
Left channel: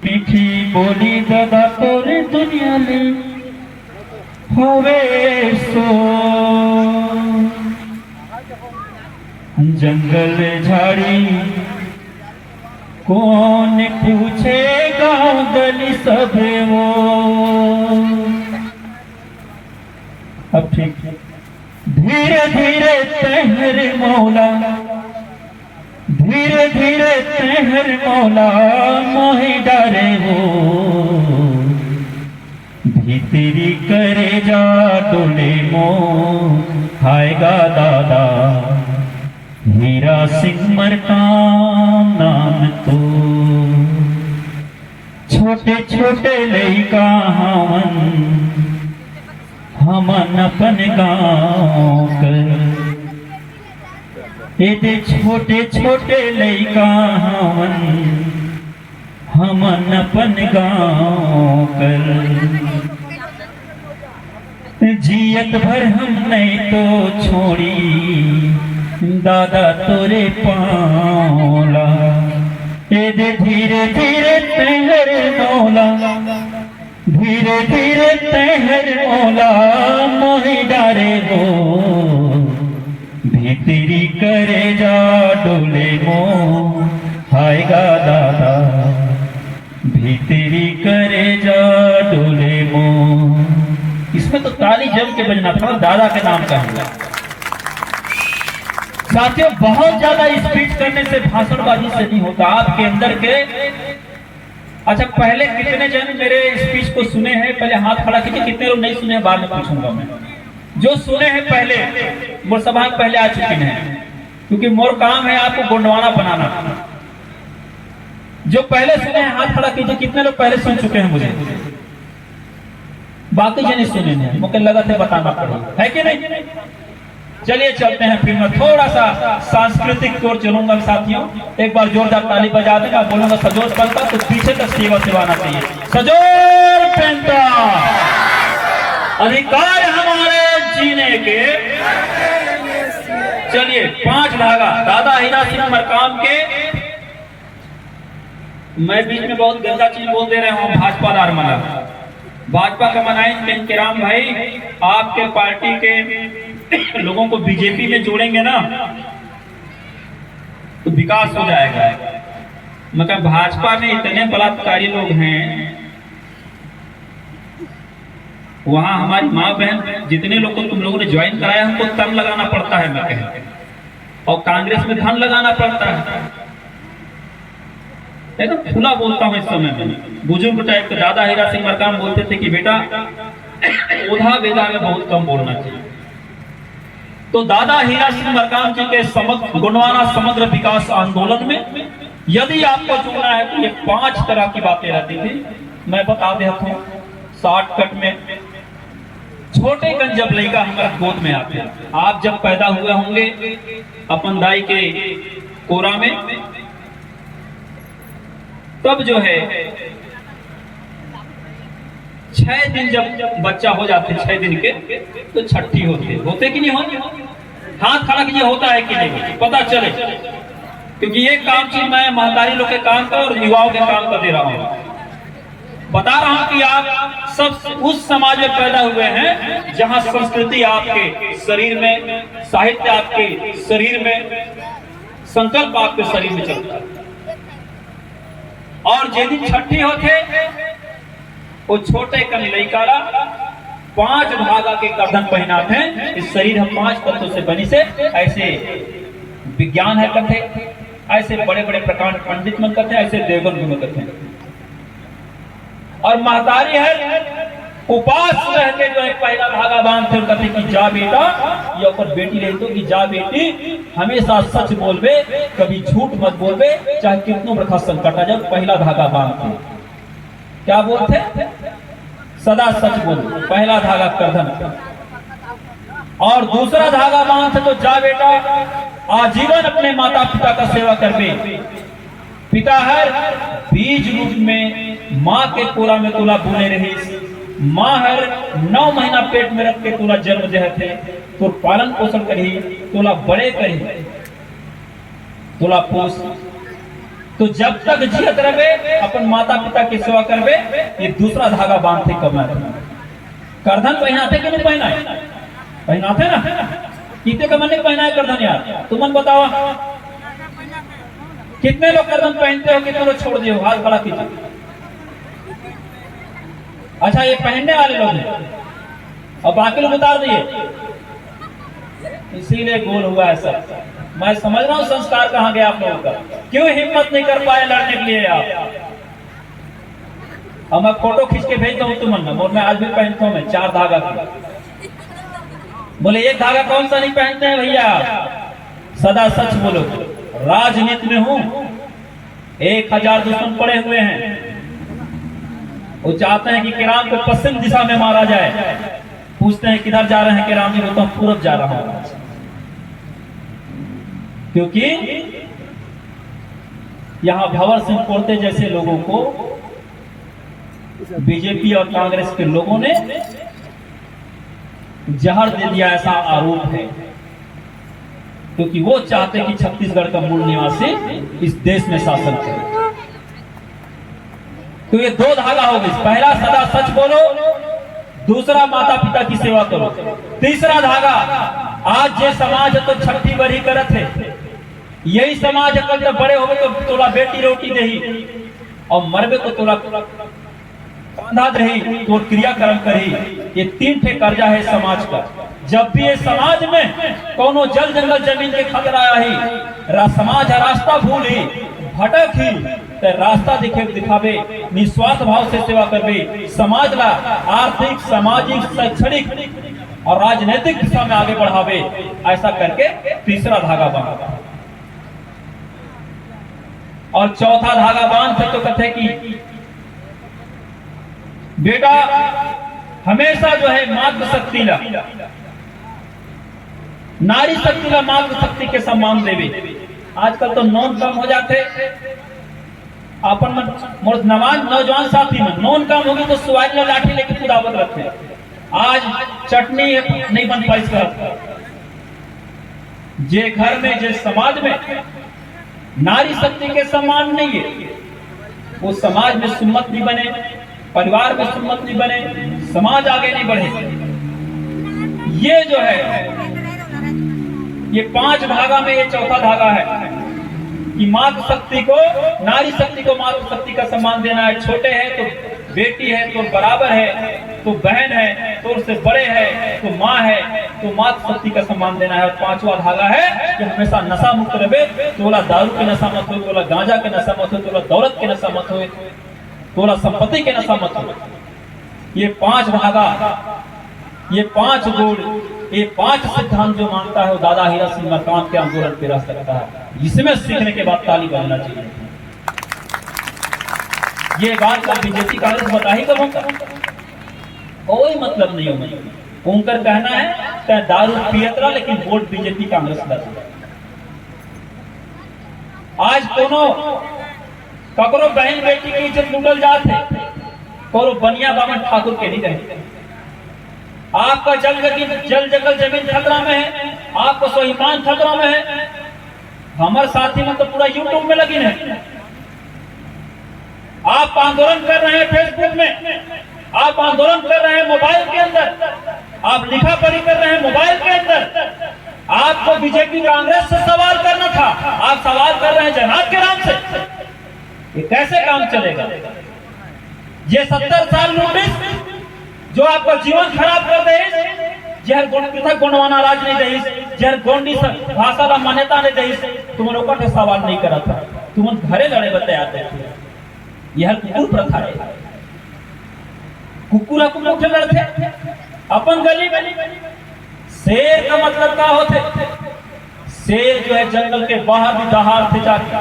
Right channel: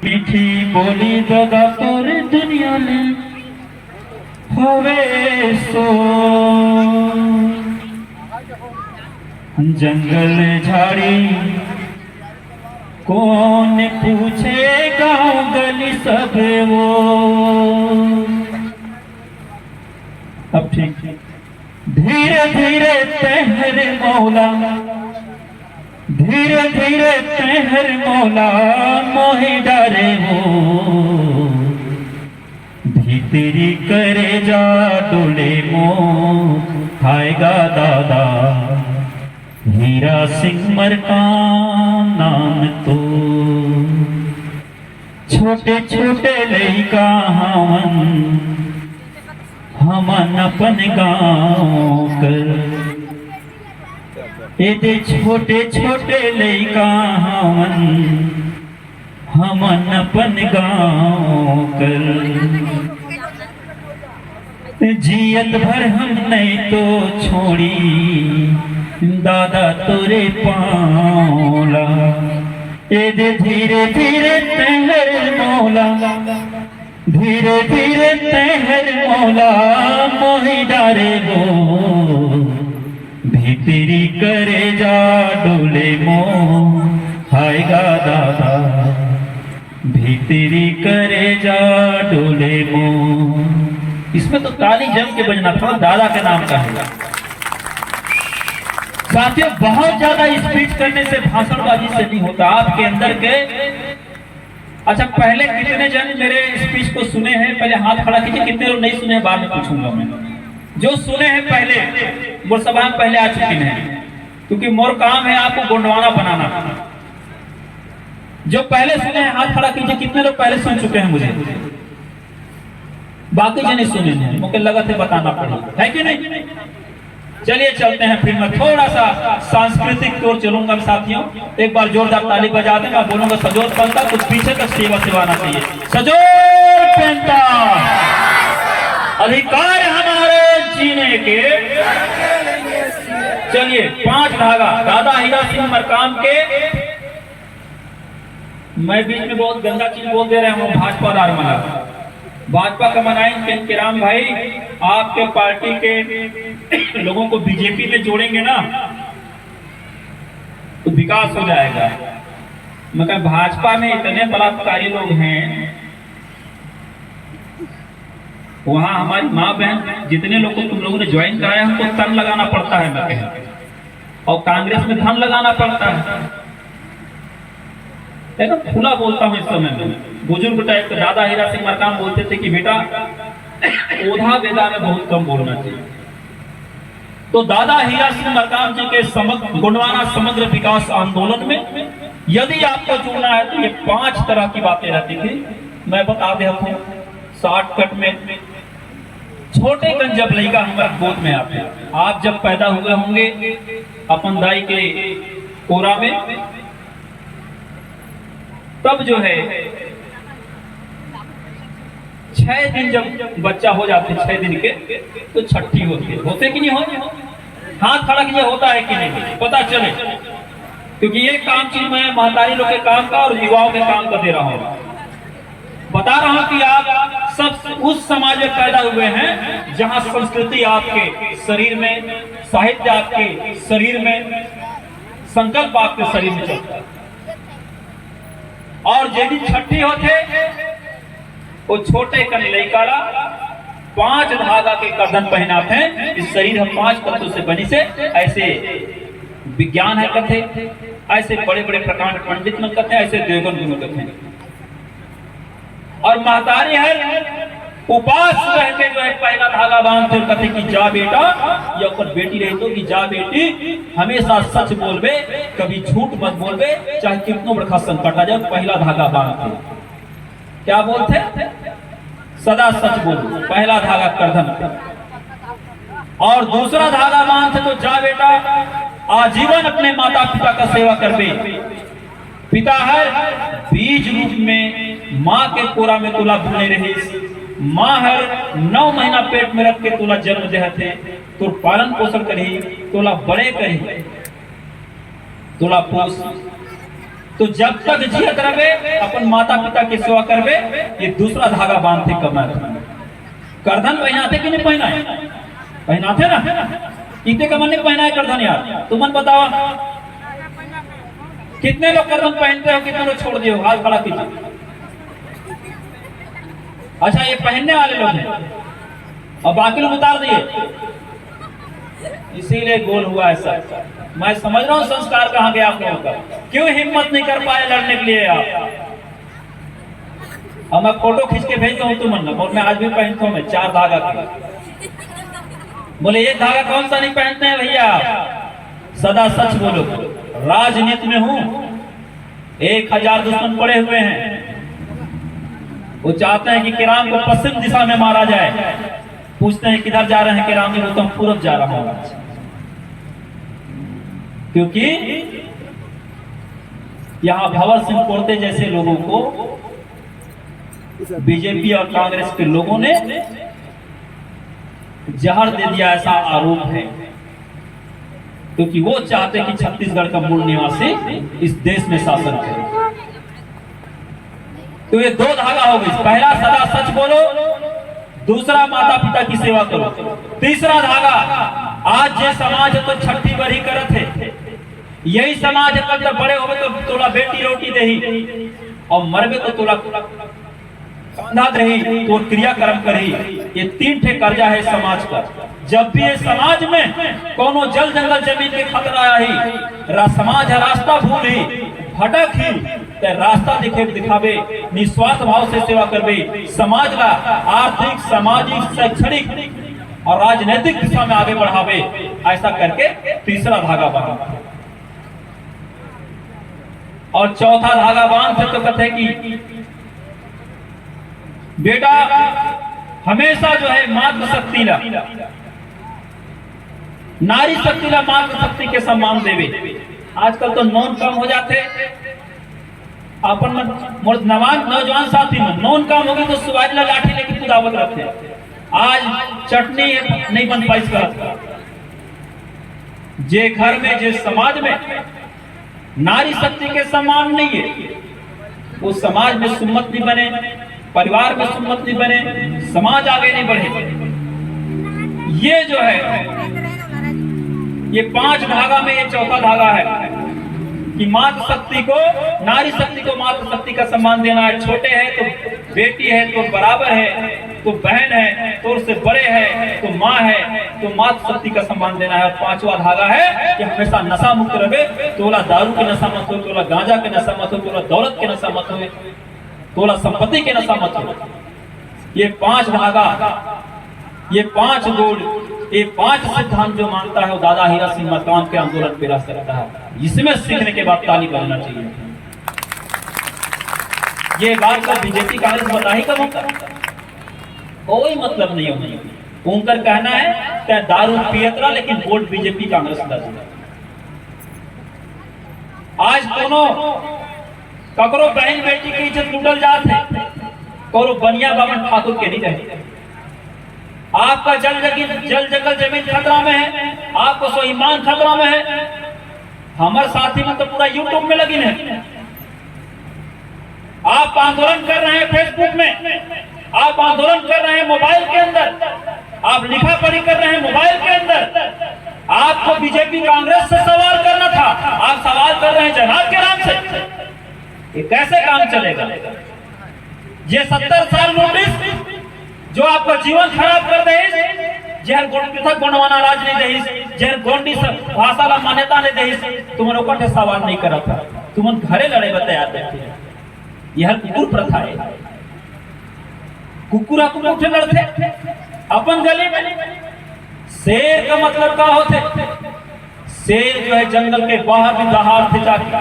मीठी बोली दादा तोरे दुनिया में होवे सो, जंगल झाड़ी कौन पूछेगा गली सब वो। अब ठीक, धीरे धीरे तहर मौला, धीरे धीरे तहर मौला मोहि डारे हो, भीतरी करे जा डोले मो आएगा दादा हीरा सिंह मरका नाम तो। छोटे छोटे लइका हमन अपन गाँव कर, ये छोटे छोटे लइका हमन अपन गाँव कर। जियत भर हम नहीं तो छोड़ी दादा तोरे पाला, ये धीरे धीरे तहर मौला, धीरे धीरे तहर मौला मोहि डारे हो, भीतरी करे जा डोले मो आएगा दादा, भीतरी करे जा डोले मो। इसमें तो ताली जम के बजना था, दादा का नाम कहूंगा। साथियों, बहुत ज्यादा स्पीच करने से, भाषणबाजी से नहीं होता। आपके अंदर के, अच्छा पहले कितने जन मेरे स्पीच को सुने हैं, पहले हाथ खड़ा कीजिए। कितने लोग नहीं सुने, बाद में पूछूंगा मैं। जो सुने हैं पहले, मोर सभा पहले आ चुके हैं, क्योंकि मोर काम है आपको गुंडवाना बनाना। जो पहले सुने हैं हाथ खड़ा कीजिए। कितने लोग पहले सुन चुके हैं मुझे? बाकी जन सुने हैं, मुझे लगा था बताना पड़ेगा, है कि नहीं? चलिए चलते हैं। फिर मैं थोड़ा सा सांस्कृतिक तौर चलूंगा साथियों। एक बार जोरदार ताली बजा देगा, बोलूंगा सजोर पहनता, तो पीछे तक सेवा सेवाना चाहिए। सजोर पहनता, अधिकार हमारे जीने के। चलिए 5 धागा दादा हीरा सिंह मरकाम के। मैं बीच में बहुत गंदा चीज बोल दे रहा हूँ। भाजपा दारमाला, भाजपा का मनाएंगे किराम भाई, आपके पार्टी के लोगों को बीजेपी में जोड़ेंगे ना तो विकास हो जाएगा। मगर भाजपा में इतने बलात्कारी लोग हैं, वहां हमारी माँ बहन जितने लोग को तुम लोगों ने ज्वाइन कराया, हमको धन लगाना पड़ता है, मैं कहता, और कांग्रेस में धन लगाना पड़ता है ना। खुला बोलता हूँ इस समय में। बुजुर्ग टाइप के दादा हीरा सिंह मरकाम बोलते थे कि बेटा ओधा वेदा में बहुत कम बोलना चाहिए। तो दादा हीरा सिंह मरकाम जी के समग्र गुणवाना समग्र विकास आंदोलन में यदि आपको जुड़ना है तो ये 5 तरह की बातें रहती थी। मैं बता देता हूँ शॉर्टकट में। छोटे कन जब लड़का हमारे गोद में आते, आप जब पैदा हुए होंगे अपन दाई के कोरा में, तब जो है 6 दिन जब बच्चा हो जाते, 6 दिन के, तो छठी होते कि नहीं होती? हाथ खड़ा कीजिए, होता है कि नहीं, पता चले। क्योंकि ये काम चीज मैं महतारी लोग के काम का और युवाओं के काम का दे रहा हूं। बता रहा हूं कि आप सब उस समाज में पैदा हुए हैं जहां संस्कृति आपके शरीर में, साहित्य आपके शरीर में, संकल्प आपके शरीर में चलता है। और जे दिन छठी होते वो छोटे कन लइकारा 5 धागा के गर्दन पहनाते हैं। इस शरीर हम 5 तत्वों से बनी से, ऐसे विज्ञान है कहते, ऐसे बड़े बड़े प्रकांड पंडित मन कहते हैं, ऐसे देवगन भी कहते हैं। और महतारी है उपास रहते जो है पहला धागा बांधते कहते कि जा बेटा, या ऊपर बेटी रही तो कि जा बेटी हमेशा सच बोलबे, कभी झूठ मत बोलबे, चाहे कितनो बड़ा संकट आ जाए, पहला धागा बांधते। क्या बोलते? सदा सच बोलो, पहला धागा करधन पे। और दूसरा धागा बांधते तो जा बेटा आजीवन अपने माता पिता का सेवा करबे। पिता है बीज रूप में माँ के कोरा में तुला बुने रहे, माँ हर 9 महीना पेट में रख के तुला जन्म दे थे, तो पालन पोषण करी, तुला बड़े करी, तुला पोष। तो जब तक जियत रहे अपन माता पिता की सेवा करबे। ये दूसरा धागा बांधते करना करधन पहनाते कि नहीं पहनाए? पहनाते ना। कितने कमर ने पहनाए करधन यार? तुमन बताओ कितने लोग करधन पहनते हो, कितने लोग छोड़ दिए? हाथ खड़ा कीजिए। अच्छा ये पहनने वाले लोग हैं और बाकी लोग उतार दिए, इसीलिए गोल हुआ ऐसा। मैं समझ रहा हूं संस्कार कहां गया आप लोगों का, क्यों हिम्मत नहीं कर पाए लड़ने के लिए आप? अब मैं फोटो खींच के भेजता हूं तुमने, और मैं आज भी पहनता हूं, मैं 4 धागा का। बोले 1 धागा कौन सा नहीं पहनते हैं भैया? सदा सच बोलो। राजनीति में हूं, 1000 दुश्मन पड़े हुए हैं, वो चाहते हैं कि किराम को पश्चिम दिशा में मारा जाए। पूछते हैं किधर जा रहे हैं किराम जी? बोलता हूं पूर्व जा रहा हूं, क्योंकि यहां भंवर सिंह कोरते जैसे लोगों को बीजेपी और कांग्रेस के लोगों ने जहर दे दिया, ऐसा आरोप है। क्योंकि वो चाहते कि छत्तीसगढ़ का मूल निवासी इस देश में शासन करे। तो ये 2 धागा हो गई, पहला सदा सच बोलो, दूसरा माता पिता की सेवा करो। तीसरा धागा आज जे समाज है तो छठी बरी करत है, यही समाज अगर जब बड़े होवे तो तोला बेटी रोटी देही, और मरबे तो तोला कांधा दही, तो क्रियाक्रम करी। ये 3 ठे कर्जा है समाज का। जब भी ये समाज में कोनो जल जंगल जमीन के खतरा आई, समाज रास्ता भूल ही भटक ही, तो रास्ता दिखावे, निस्वार्थ भाव से सेवा करबे, समाज ला आर्थिक, सामाजिक, शैक्षणिक और राजनीतिक दिशा में आगे बढ़ावे। ऐसा करके तीसरा धागा बांधा। और चौथा धागा बांधते तो कहते कि बेटा हमेशा जो है मातृ शक्ति ला, नारी शक्ति ला मातृ शक्ति के सम्मान देवे। आजकल तो नॉन कम हो जाते, अपन नौजवान साथी में नॉन काम होगी तो सुवाज ला लाठी लेके दावत रखते। आज चटनी नहीं बन पाई इसका। जे घर में, जे समाज में नारी शक्ति के सम्मान नहीं है, वो समाज में सुन्नत नहीं बने, परिवार में सुन्नत नहीं बने, समाज आगे नहीं बढ़े। ये जो है ये 5 धागा में ये चौथा धागा है कि मातृ शक्ति को, नारी शक्ति को मातृ शक्ति का सम्मान देना है। छोटे हैं तो बेटी है तो बराबर है, तो बहन है तो उससे बड़े है, तो माँ है तो मातृ शक्ति का सम्मान देना है। 5वां धागा है कि हमेशा नशा मुक्त रहे, तोला दारू के नशा मत हो, तोला गांजा के नशा मत हो, तोला दौलत के नशा मत हो, तोला संपत्ति के नशा मत हो। ये 5 धागा, ये 5 गुण, ये 5 सिद्धांत जो मानता है वो दादा हीरा सिंह मरकाम के आंदोलन पे रह सकता है। इसमें सीखने के बाद ताली बजाना चाहिए। ये बात का बीजेपी कांग्रेस बता ही कब होता, कोई मतलब नहीं होना। उनका कहना है चाहे दारू पियत रहा लेकिन वोट बीजेपी कांग्रेस का। आज कोनो ककरो बहन बेटी की इज्जत लूटल जाते, करो बनिया बावन ठाकुर के नहीं रहे। आपका जल जंगल जमीन खतरा में है, आपको स्वाभिमान खतरा में है। हमारे साथी में तो पूरा यूट्यूब में लगी है। आप आंदोलन कर रहे हैं फेसबुक में, आप आंदोलन कर रहे हैं मोबाइल के अंदर, आप लिखा पढ़ी कर रहे हैं मोबाइल के अंदर। आपको बीजेपी कांग्रेस से सवाल करना था, आप सवाल कर रहे हैं जनाब के नाम से। ये कैसे काम चलेगा? ये 70 साल नोटिस जो आपका जीवन खराब कर दे, जहर गोंडवाना राज नहीं दे, जहर गोंडी भाषा का मान्यता नहीं दे, तुम्हारे ऊपर सवाल नहीं करा था, तुम घरे लड़े बताया थे। यह कुकुर प्रथा है, कुकुर उठे लड़ते अपन गली में। शेर का मतलब क्या होते? शेर जो है जंगल के बाहर भी दहाड़ थे जाते।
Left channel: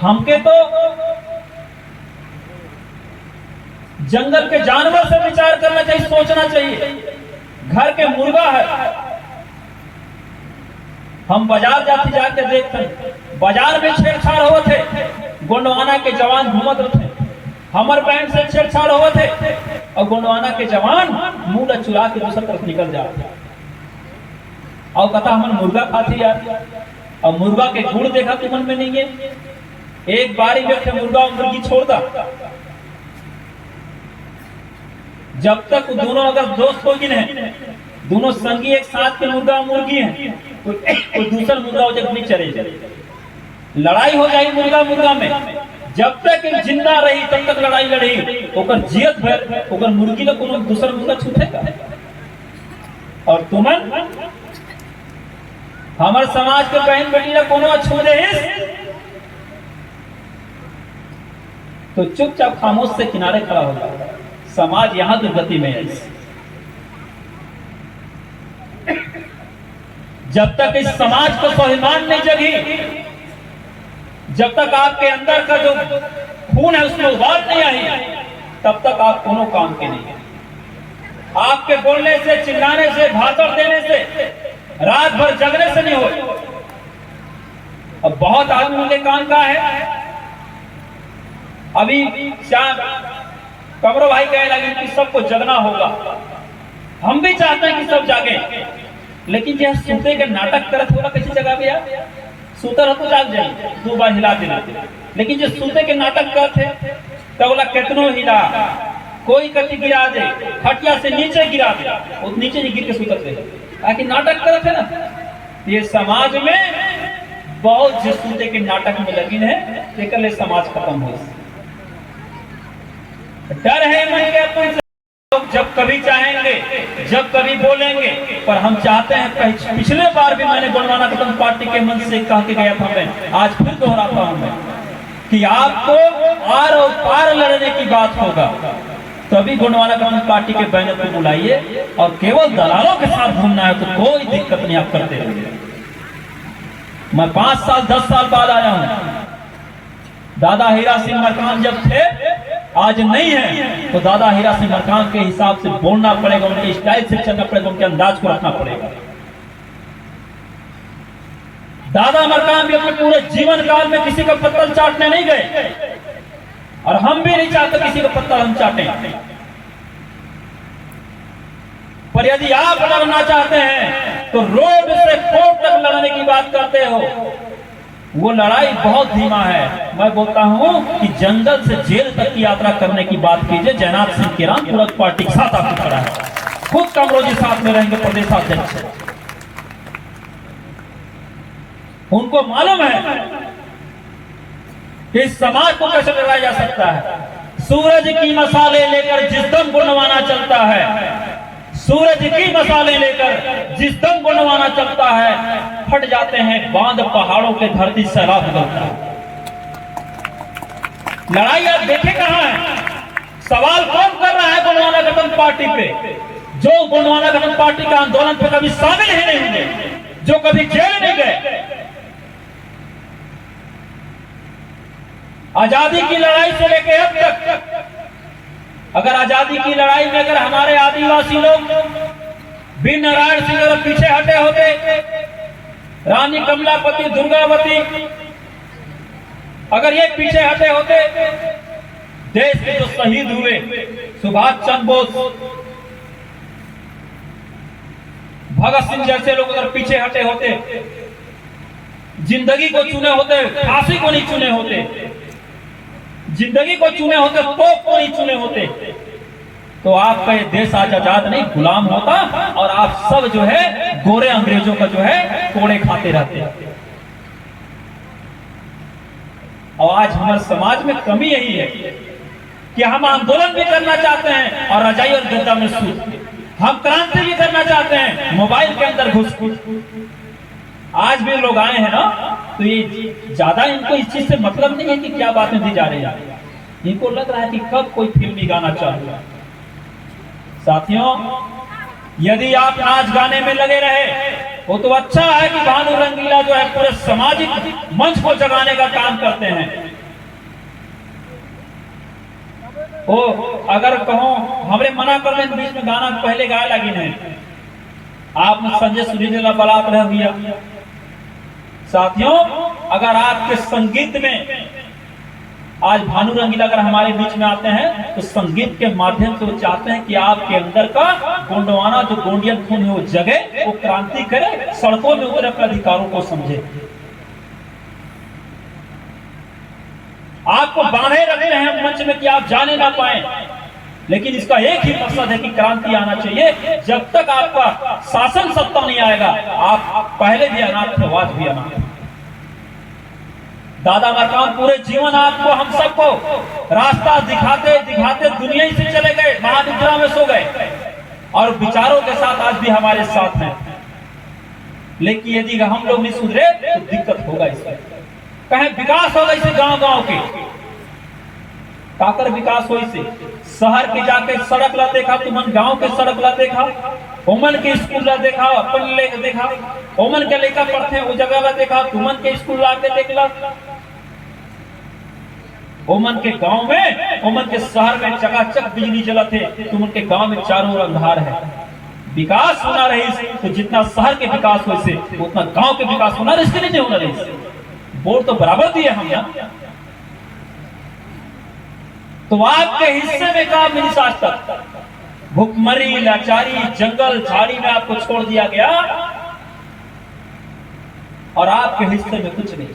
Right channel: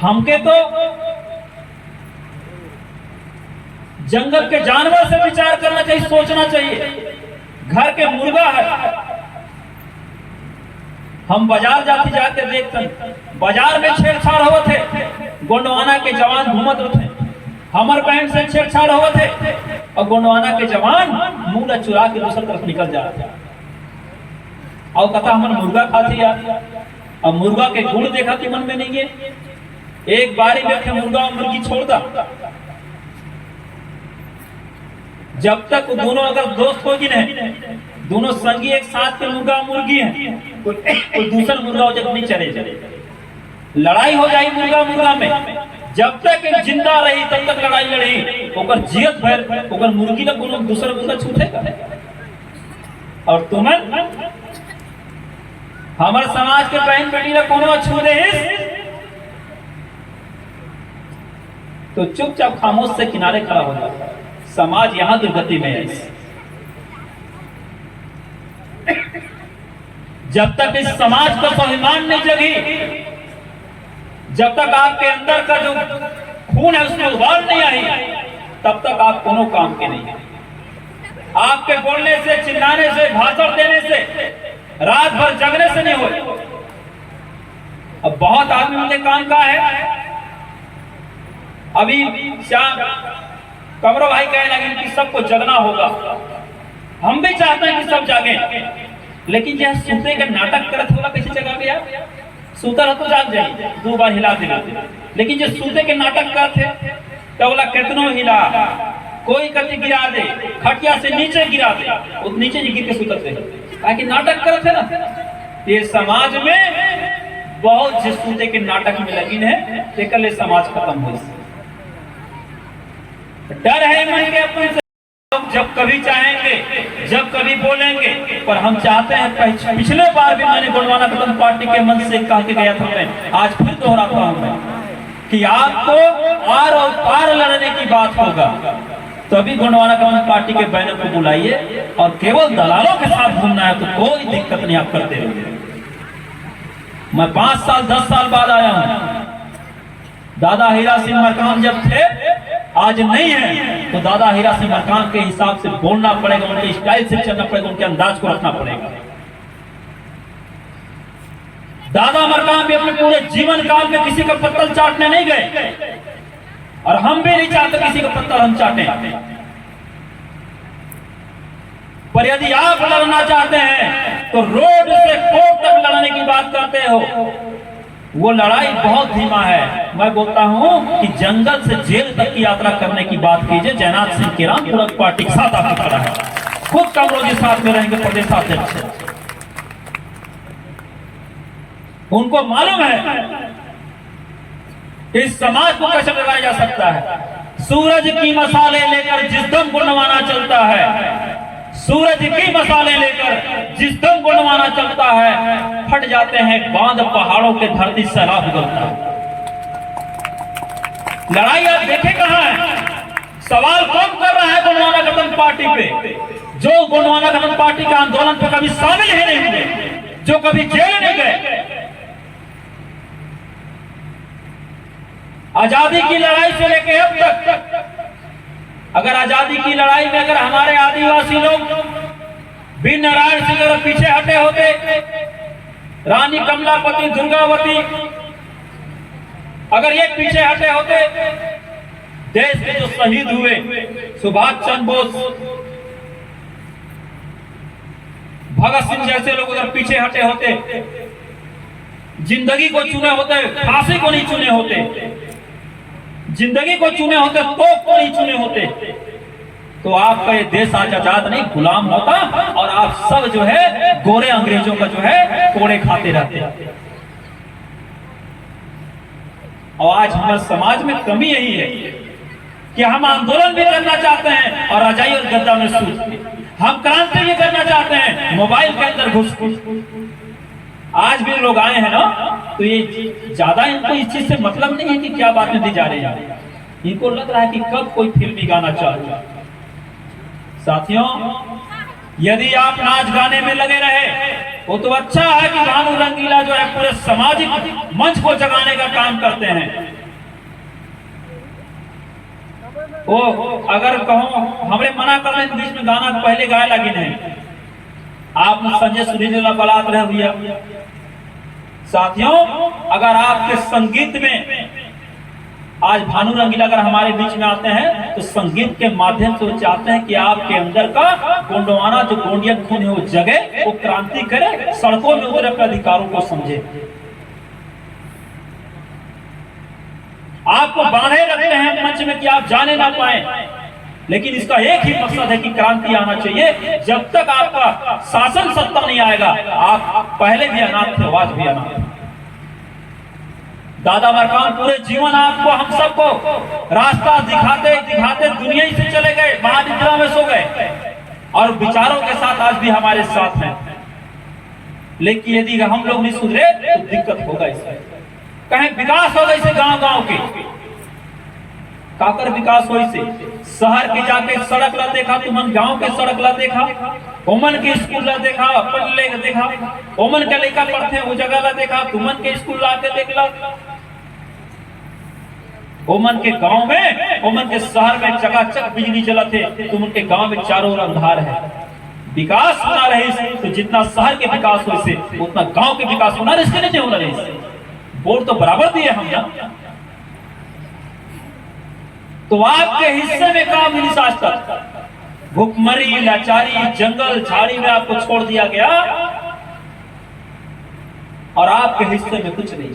हमके तो जंगल के जानवर से विचार करना चाहिए, सोचना चाहिए। घर के मुर्गा है, हम बाजार जाते जाके देखते, बाजार में छेड़छाड़ हो थे, गोंडवाना के जवान घूमत थे, हमर बहन से छेड़छाड़ हुआ थे, और गोंडवाना के जवान मुंह चुरा के दूसरी तरफ निकल जाते। और कथा हमर मुर्गा खाती यार, और मुर्गा के गुड़ देखा थी मन में नहीं है। एक बारी में मुर्गा और मुर्गी छोड़ता, जब तक दोनों अगर दोस्त होगी नहीं, दोनों संगी एक साथ के मुर्गा मुर्गी हैं, कोई दूसरा मुर्गा जब नहीं चले जाए, लड़ाई हो जाएगी मुर्गा मुर्गा में। जब तक जिंदा रही तब तक लड़ाई लड़ी, ओकर जियत भर ओकर मुर्गी का कोनो दूसरा मुर्गा छूटेगा। और तुमन हमारे समाज के बहन बेटी का कोनो छू दे तो चुपचाप खामोश से किनारे खड़ा होगा। समाज यहां दुर्गति में है। जब तक इस समाज को स्वाभिमान नहीं जगी, जब तक आपके अंदर का जो खून है उसमें उबाल नहीं आई, तब तक आप कोनो काम के नहीं है। आपके बोलने से, चिल्लाने से, भाषण देने से, रात भर जगने से नहीं हो। अब बहुत आदमियों के काम का है। अभी कमरो भाई कहे लगे कि सबको जगना होगा, हम भी चाहते हैं कि सब जागे, लेकिन जो सूते के नाटक करत होगा किसी जगह पे सूतर हो तो जाग जाए, 2 बार हिला देना। लेकिन जो सूते के नाटक करते तो बोला कितनो हिला, कोई कति गिरा दे, खटिया से नीचे गिरा दे, वो नीचे ही गिर के सुतते हैं, ताकि नाटक करते ना। ये समाज में बहुत जिस सूते के नाटक में लगी है, लेकर ले समाज खत्म हो। डर है मन के अपन से, जब कभी चाहेंगे, जब कभी बोलेंगे। पर हम चाहते हैं, पिछले बार भी मैंने गोंडवाना कदम पार्टी के मंच से कह के गया था, मैं आज फिर दोहराता हूं मैं कि आपको आर और पार लड़ने की बात होगा, तभी गोंडवाना कदम पार्टी के बैनर को बुलाइए, और केवल दलालों के साथ घूमना है तो कोई दिक्कत नहीं, आप करते रहिए। मैं 5 साल 10 साल बाद आया हूं। दादा हीरा सिंह मरकाम जब थे, आज नहीं है, तो दादा हीरा सिंह मरकाम के हिसाब से बोलना पड़ेगा, उनके स्टाइल से चलना पड़ेगा, उनके अंदाज को रखना पड़ेगा। दादा मरकाम भी अपने पूरे जीवन काल में किसी का पत्तल चाटने नहीं गए, और हम भी नहीं चाहते किसी का पत्तल हम चाटें। पर यदि आप लड़ना चाहते हैं तो रोड से कोर्ट तक लड़ने की बात करते हो, वो लड़ाई बहुत धीमा है। मैं बोलता हूं कि जंगल से जेल तक की यात्रा करने की बात कीजिए। जयनाथ सिंह केराम पूरक पार्टी के साथ आपकी खड़ा है, खुद कमरोजी साथ में रहेंगे, प्रदेशाध्यक्ष। उनको मालूम है इस समाज को कैसे डराया जा सकता है। सूरज की मसाले लेकर जिस दम गोंडवाना चलता है, सूरज की मसाले लेकर जिस दम गोंडवाना चलता है, फट जाते हैं बांध पहाड़ों के, धरती सैलाब करता है। लड़ाई आप देखे कहां है? सवाल कौन कर रहा है गोंडवाना गठन पार्टी पे? जो गोंडवाना गठन पार्टी के आंदोलन पे कभी शामिल ही नहीं हुए, जो कभी जेल नहीं गए। आजादी की लड़ाई से लेकर अब तक, अगर आजादी की लड़ाई में अगर हमारे आदिवासी लोग वीर नारायण सिंह अगर पीछे हटे होते, रानी कमलापति, दुर्गावती अगर ये पीछे हटे होते, देश के जो शहीद हुए, सुभाष चंद्र बोस, भगत सिंह जैसे लोग अगर पीछे हटे होते, जिंदगी को चुने होते, फांसी को नहीं चुने होते, जिंदगी को चुने होते तो कोई चुने होते तो आपका ये देश आज आजाद नहीं गुलाम होता और आप सब जो है गोरे अंग्रेजों का जो है कोड़े खाते रहते। और आज हमारे समाज में कमी यही है कि हम आंदोलन भी करना चाहते हैं और रजाई और गद्दा में सूत, हम क्रांति भी करना चाहते हैं मोबाइल के अंदर घुस। आज भी लोग आए हैं ना, तो ये ज्यादा इनको इस चीज से मतलब नहीं है कि क्या बातें दी जा रही है, इनको लग रहा है कि कब कोई फिल्मी गाना चालू है। साथियों, यदि आप नाच गाने में लगे रहे वो तो अच्छा है कि भानु रंगीला जो है पूरे सामाजिक मंच को जगाने का काम करते हैं। वो अगर कहो हमरे मना कर रहे बीच में गाना पहले गाय लगी नहीं, आप संजय सुरीला बलात रहे भैया। साथियों, अगर आपके संगीत में आज भानु रंगीला अगर हमारे बीच में आते हैं तो संगीत के माध्यम से वो चाहते हैं कि आपके अंदर का गोंडवाना जो गोंडियन खून है वो जगे, वो क्रांति करे, सड़कों में उतरे, अपने अधिकारों को समझे। आपको बांधे रखते हैं मंच में कि आप जाने ना पाए, लेकिन इसका एक ही मकसद है कि क्रांति आना चाहिए। जब तक आपका शासन सत्ता नहीं आएगा, आप पहले भी अनाथ थे, आज भी अनाथ। दादा मरकाम पूरे जीवन आपको हम सबको रास्ता दिखाते दिखाते दुनिया ही से चले गए, महानिद्रा में सो गए और विचारों के साथ आज भी हमारे साथ हैं। लेकिन यदि हम लोग नहीं सुधरे तो दिक्कत होगा। इसमें कहीं विकास होगा इसे गांव गांव के काकर विकास हो, इसे शहर के जाके सड़क ला देखा, तुमन गांव के सड़क ला देखा, ओमन के स्कूल ला देखा, अपन ले देखा, ओमन के लेकर पढ़ते वो जगह ला देखा, तुमन के स्कूल ला के देख ला। ओमन के गांव में, ओमन के शहर में चकाचक बिजली जलते, तुम उनके गांव में चारों ओर अंधार है। विकास होना रही तो जितना शहर के विकास हो से उतना गांव के विकास होना, इसके नहीं होना रही। वोट तो बराबर दिए हम यहाँ, तो आपके हिस्से में काम मिली आज तक भुखमरी, लाचारी, जंगल झाड़ी में आपको छोड़ दिया गया और आपके हिस्से में कुछ नहीं।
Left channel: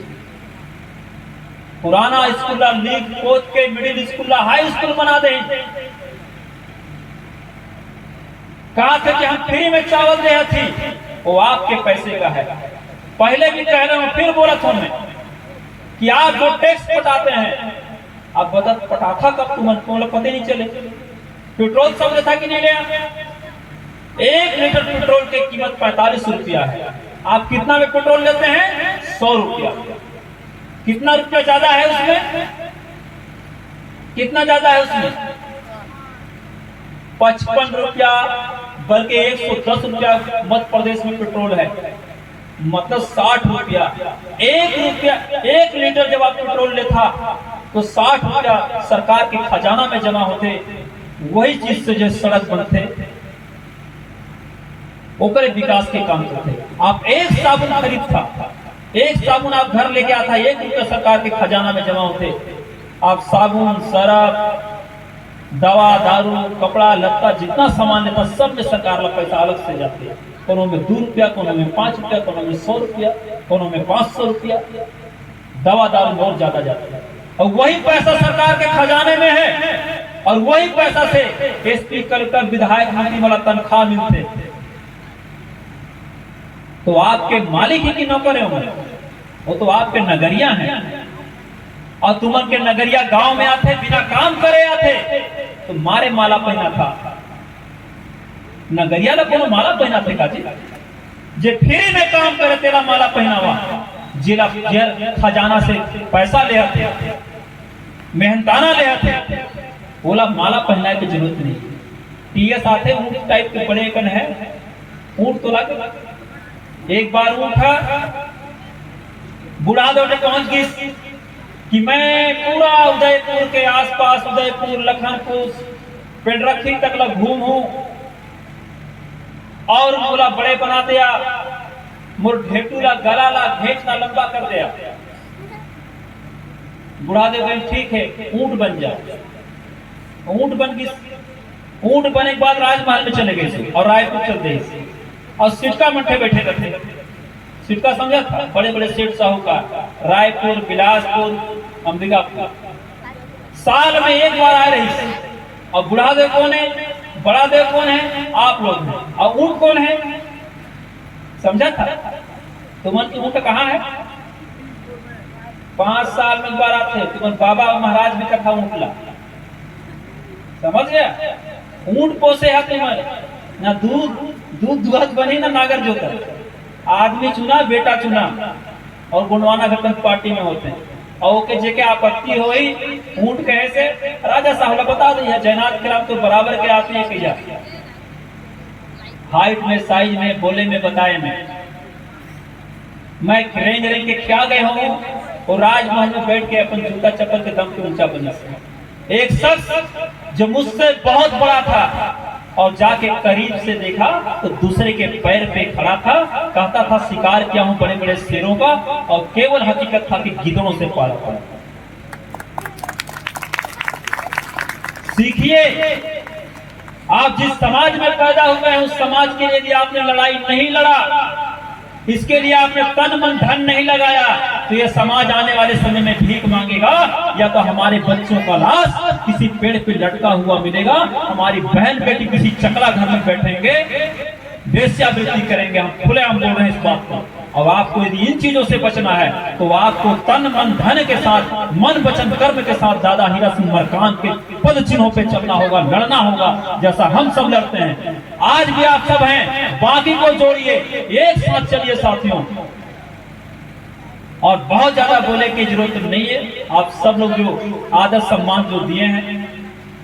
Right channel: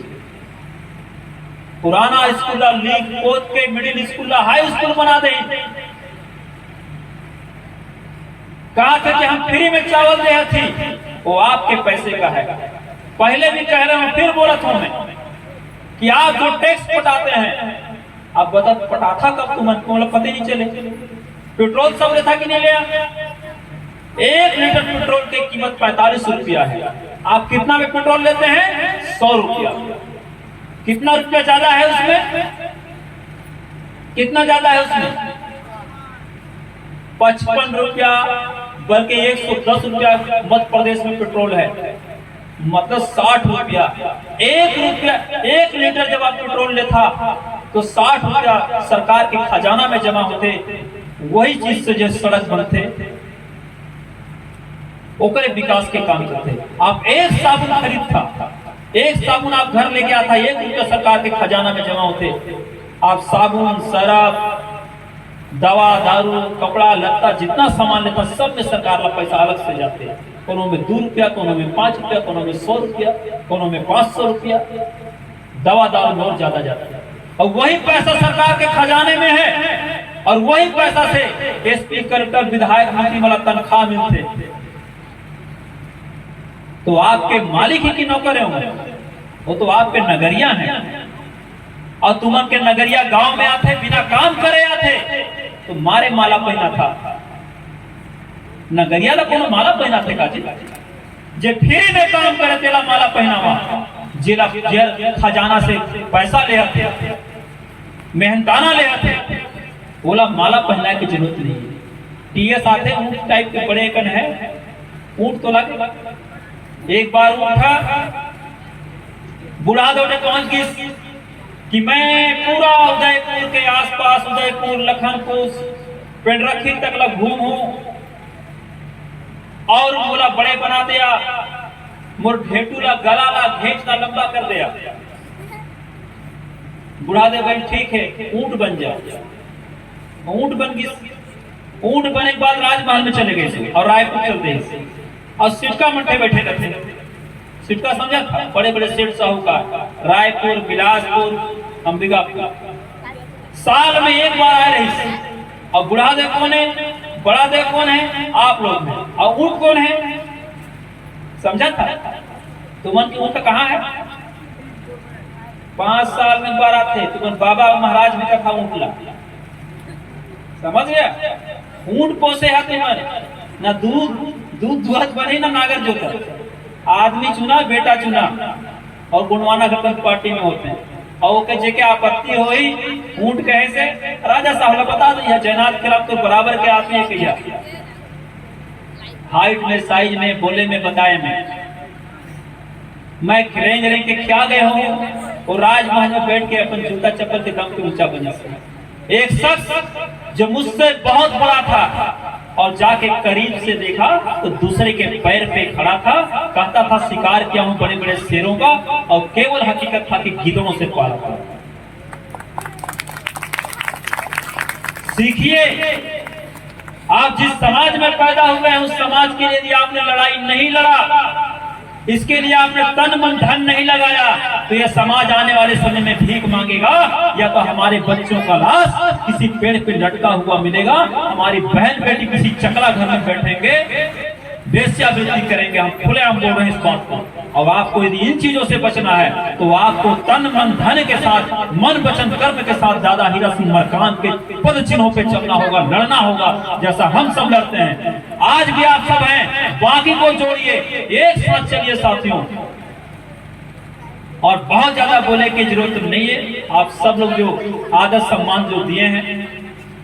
पुराना स्कूल लीग कोच के मिडिल स्कूल हाई स्कूल बना दे, कहा था कि हम फ्री में चावल दे थी, वो आपके पैसे का है। पहले भी कह रहा हूं, फिर बोला था मैं कि आप जो टैक्स पटाते हैं, अब बता पटाखा कब तुमको पता नहीं चले। पेट्रोल सब था कि नहीं लिया, 1 लीटर पेट्रोल की कीमत 45 रुपया है। आप कितना में पेट्रोल लेते हैं? 100 रुपया। कितना रुपया ज्यादा है उसमें? कितना ज्यादा है उसमें? 55 रुपया, बल्कि 110 रुपया मध्य प्रदेश में पेट्रोल है, मतलब 60 रुपया। 1 लीटर जब आप पेट्रोल लेता तो 60 रुपया सरकार के खजाना में जमा होते। वही चीज से जो सड़क बनते, ओकरे विकास के काम करते। आप एक साबुन खरीद था, एक साबुन आप घर लेके आता, 1 रुपया सरकार के खजाना में जमा होते। आप साबुन, सरफ, दवा, दारू, कपड़ा लत्ता जितना सामान लेता सब में सरकार का पैसा अलग से जाते। कोनो में 2 रुपया, कोनो में 5 रुपया, कोनो में 100 रुपया, कोनो में 500 रुपया। दवा दारू बहुत ज्यादा जाता है और वही पैसा सरकार के खजाने में है और वही पैसा से एसपी, कलेक्टर, विधायक, मंत्री वाला तनख्वाह मिलते। तो आपके मालिक ही की नौकर होंगे, वो तो आपके नगरिया हैं। और तुमन के नगरिया गांव में आते, बिना काम करे आते तो मारे माला पहना था। नगरिया ला कोनो माला पहना थे काजी, जे फ्री में काम करे तेला माला पहनावा। जिला खजाना से पैसा ले आते, मेहनताना ले आते, बोला माला पहनाने की जरूरत नहीं। टीएस आते ऊंट टाइप के बड़े कन है, ऊंट तो लाके एक बार उठा, बुढ़ा दौड़े पहुंच गई कि मैं पूरा उदयपुर के आसपास, उदयपुर, लखनपुर, पेंडरखी तक ला घूमूं और बोला बड़े बना दिया, मोर ढेटूला गला ला घेच ला लंबा कर दिया। बुढ़ा दे भाई ठीक है, ऊंट बन जाओ। ऊंट बन गई। ऊंट बने के बाद राजमहल में चले गए और रायपुर चलते और सिटका मट्टे बैठे रहते। सिटका समझा था, बड़े बड़े सेठ साहूकार, रायपुर, बिलासपुर, अंबिकापुर, साल में एक बार आए रही। और बुढ़ा दे कौन है, बड़ा दे कौन है, आप लोग हैं। और ऊँट कौन है, समझा था? तुमन की ऊँट कहाँ है? 5 साल में एक बार आते। तुमन बाबा महाराज भी तक ऊँटला, समझ गया? ऊँट पोसे है तुमन, ना दूध दुहत बनी ना नागर जोता। आदमी चुना, बेटा चुना, और गुणवाना घटन पार्टी में होते हैं। और ओके जेके आपत्ति होई ऊँट कहे से राजा साहब बता दिया जयनाथ खिलाफ तो बराबर के आते हैं भैया, हाइट में, साइज में, बोले में, बताए में। मैं रेंज रेंज के क्या गए हूँ और राजमहल में बैठ के अपन जूता चप्पल के दम पे ऊंचा बना से। एक शख्स जो मुझसे बहुत बड़ा था और जाके करीब से देखा तो दूसरे के पैर पे खड़ा था, कहता था शिकार किया हूं बड़े बड़े शेरों का, और केवल हकीकत था कि गिद्धों से पार था। सीखिए, आप जिस समाज में पैदा हुए हैं उस समाज के लिए यदि आपने लड़ाई नहीं लड़ा, इसके लिए आपने तन मन धन नहीं लगाया, तो यह समाज आने वाले समय में भीख मांगेगा, या तो हमारे बच्चों का लाश किसी पेड़ पे लटका हुआ मिलेगा, हमारी बहन बेटी किसी चकला घर में बैठेंगे, वेश्यावृत्ति करेंगे। हम खुलेआम बोल रहे हैं इस बात को। और आपको यदि इन चीजों से बचना है तो आपको तन मन धन के साथ, मन वचन कर्म के साथ दादा हीरा सिंह मरकाम के पद चिन्हों पे चलना होगा, लड़ना होगा, जैसा हम सब लड़ते हैं। आज भी आप सब हैं, बाकी को जोड़िए, एक साथ चलिए साथियों। और बहुत ज्यादा बोले की जरूरत नहीं है। आप सब लोग जो आदर सम्मान जो दिए हैं,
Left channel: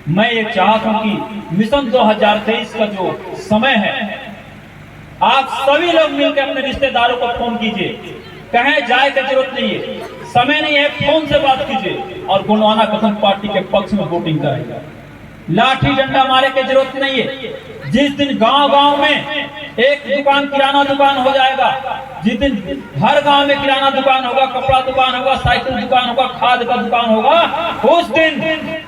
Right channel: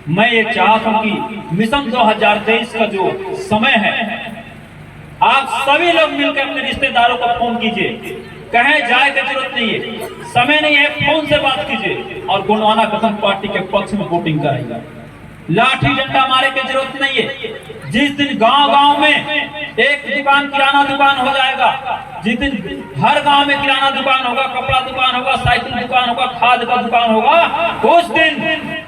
मैं ये चाहता हूं कि मिशन 2023 का जो समय है, आप सभी लोग मिलकर अपने रिश्तेदारों को फोन कीजिए, कहें जाए की जरूरत नहीं है, समय नहीं है, फोन से बात कीजिए और गुणवाना कथन पार्टी के पक्ष में वोटिंग कराइए। लाठी डंडा मारे की जरूरत नहीं है। जिस दिन गांव गांव में एक दुकान, किराना दुकान हो जाएगा, जिस दिन हर गांव में किराना दुकान होगा, कपड़ा दुकान होगा, साइकिल दुकान होगा, खाद का दुकान होगा, उस दिन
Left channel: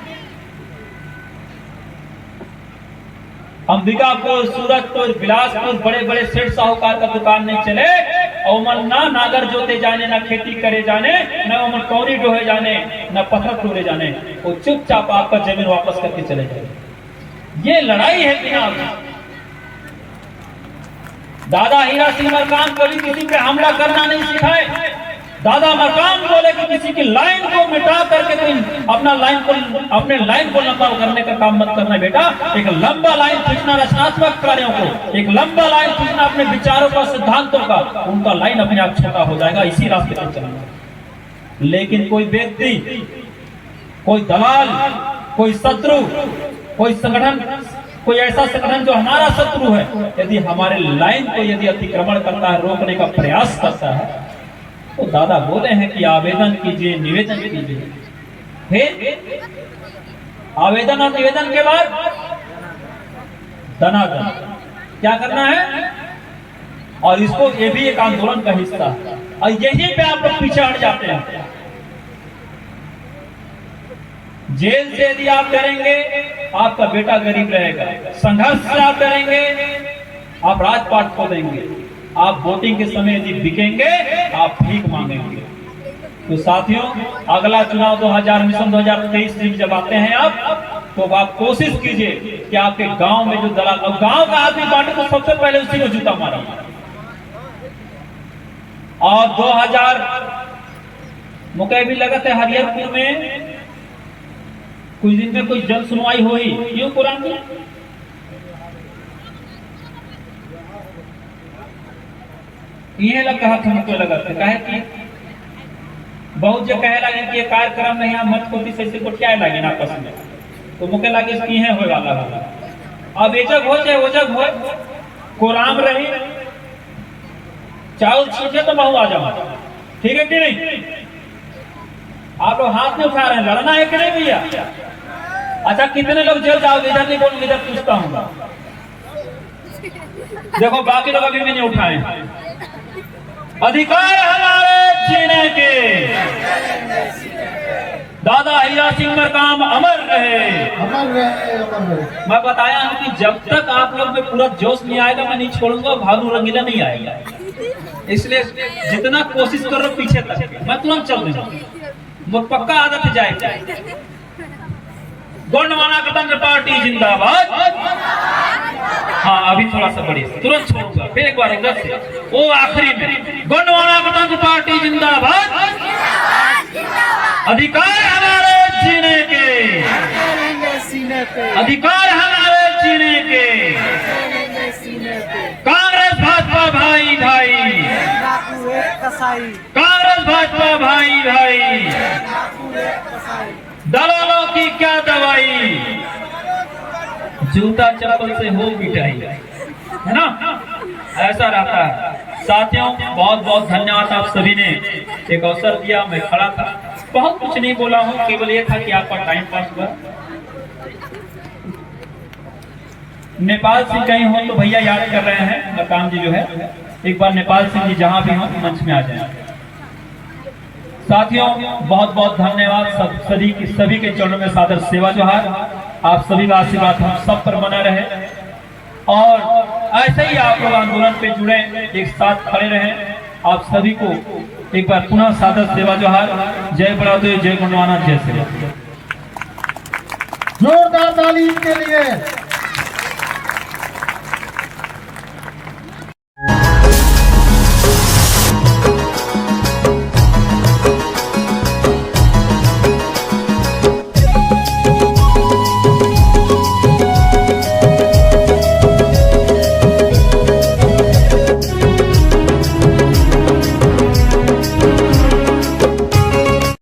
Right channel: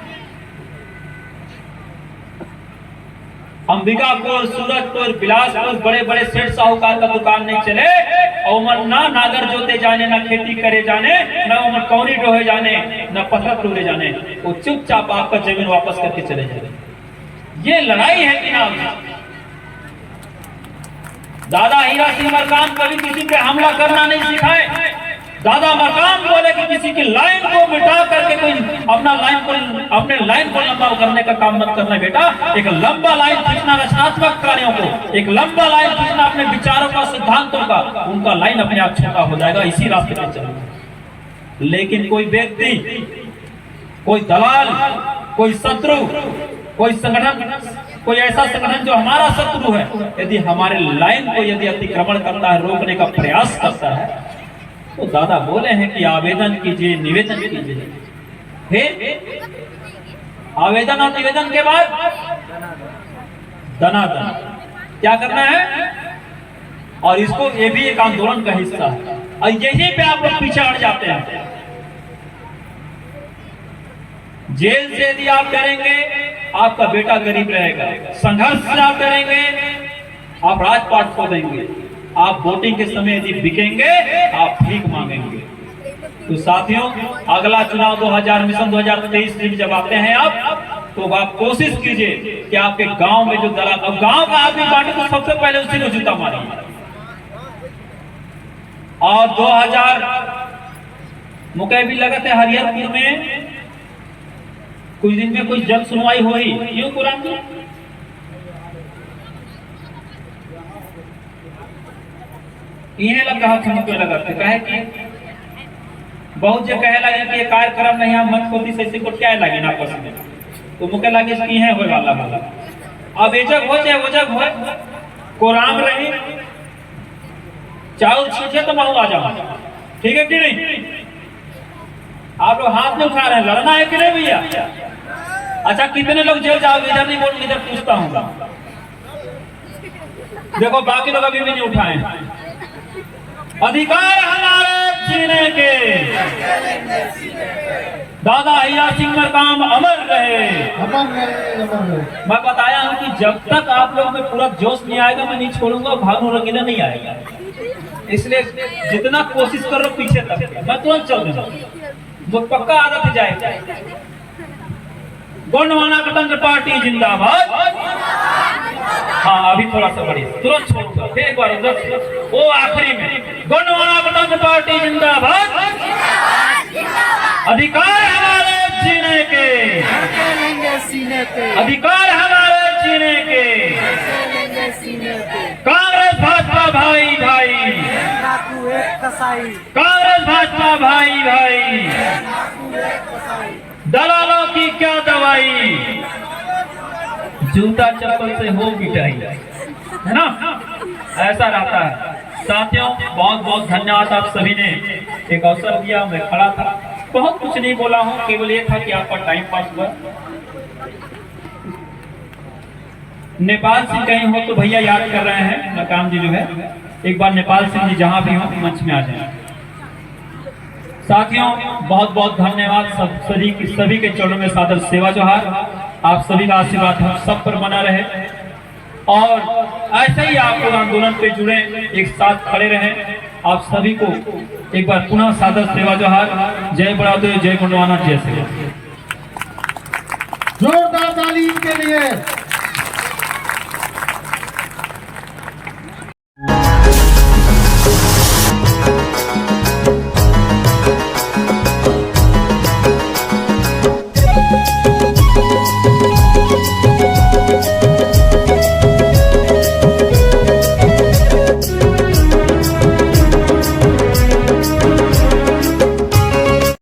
अंबिकापुर, सूरजपुर, बिलासपुर बड़े बड़े सेठ साहूकार का दुकान नहीं चले, और ना नागर जोते जाने, ना खेती करे जाने, ना उमर कौरी डोहे जाने, ना पत्थर टोले जाने, वो चुपचाप आपका जमीन वापस करके चले जाए। ये लड़ाई है कि ना? दादा हीरा सिंह मरकाम कभी किसी पे हमला करना नहीं सिखाए। दादा मरकाम बोले कि किसी की लाइन को मिटा करके कोई अपने लाइन को लंबा करने का काम मत करना बेटा। एक लंबा लाइन खींचना रचनात्मक कार्यों को, एक लंबा लाइन खींचना अपने विचारों का, सिद्धांतों का, उनका लाइन अपने आप छोटा हो जाएगा। इसी रास्ते पर चलना। लेकिन कोई व्यक्ति, कोई दलाल, कोई शत्रु, कोई संगठन, कोई ऐसा संगठन जो हमारा शत्रु है, यदि हमारे लाइन को यदि अतिक्रमण करता है, रोकने का प्रयास करता है, तो दादा बोले हैं कि आवेदन कीजिए, निवेदन कीजिए। फिर आवेदन और निवेदन के बाद दनादन क्या करना है, और इसको ये भी एक आंदोलन का हिस्सा है। और यही पे आप लोग पीछे हट जाते हैं। जेल से यदि आप डरेंगे, आपका बेटा गरीब रहेगा। संघर्ष से आप डरेंगे, आप राजपाट खो देंगे। आप वोटिंग के समय यदि बिकेंगे, आप भीख मांगेंगे। तो साथियों, अगला चुनाव 2000 मिशन 2023 जब आते हैं आप, तो आप कोशिश कीजिए कि आपके गांव में जो दलाल, अब गांव का आदमी बांटे तो सबसे पहले उसी को जूता मारा। और 2000 मुकैबी लगा थे हरिहरपुर में, कुछ दिन में कुछ जल सुनवाई हुई, क्यों कुरान की? ये लगा हाथ मुझको लगा कहे कि बहुत जो कहे लगे कि ये कार्यक्रम में यहाँ मत होती से को क्या लगे ना आपस में, तो मुझे लगे कि है हो वाला है। अब एजग हो चाहे ओजग हो, कुरान रही चावल छीटे तो मैं आ जाऊँ, ठीक है कि नहीं? आप लोग हाथ में उठा रहे हैं, लड़ना है कि नहीं भैया? अच्छा, कितने लोग जेल जाओ? इधर नहीं बोल, इधर पूछता हूँ। देखो बाकी लोग अभी भी नहीं उठाए। अधिकार हमारे जीने के, दादा हीरा सिंह मरकाम अमर रहे, अमर रहे, अमर रहे। मैं बताया हूं कि जब तक आप लोग में पूरा जोश नहीं आएगा, मैं नहीं छोड़ूंगा। भानु रंगीला नहीं आएगा, इसलिए जितना कोशिश करो पीछे तक, मैं तुरंत चल दूंगा। वो पक्का आदत जाएगा। गोंडवाना गणतंत्र पार्टी जिंदाबाद। हाँ अभी थोड़ा सा बढ़िए, तुरंत छोड़ दो, फिर एक बार उधर से, वो आखिरी में, गोंडवाना गणतंत्र पार्टी जिंदाबाद। अधिकार हमारे जीने के, लेंगे सीने पे, अधिकार हमारे जीने के, लेंगे सीने पे। कांग्रेस भाजपा भाई भाई, एक डाकू एक कसाई, कांग्रेस भाजपा भाई भाई, डाकू एक कसाई। दलालों की क्या दवाई, जूता चप्पल से हो पिटाई, है ना, ऐसा रहता है। साथियों बहुत बहुत धन्यवाद, आप सभी ने एक अवसर दिया, मैं खड़ा था, बहुत कुछ नहीं बोला हूँ, केवल ये था कि आपका टाइम पास हुआ। नेपाल सिंह कहीं हो तो भैया याद कर रहे हैं, मकाम जी जो है, एक बार नेपाल सिंह जी जहां भी हो मंच में आ जाए। साथियों बहुत बहुत धन्यवाद, सभी के चरणों में सादर सेवा जोहार। आप सभी का आशीर्वाद हम सब पर बना रहे, और ऐसे ही आप लोग आंदोलन पे जुड़े, एक साथ खड़े रहें। आप सभी को एक बार पुनः सादर सेवा जोहार। जय बड़ादेव, जय गोंडवाना, जय श्री राम। जोरदार ताली के लिए।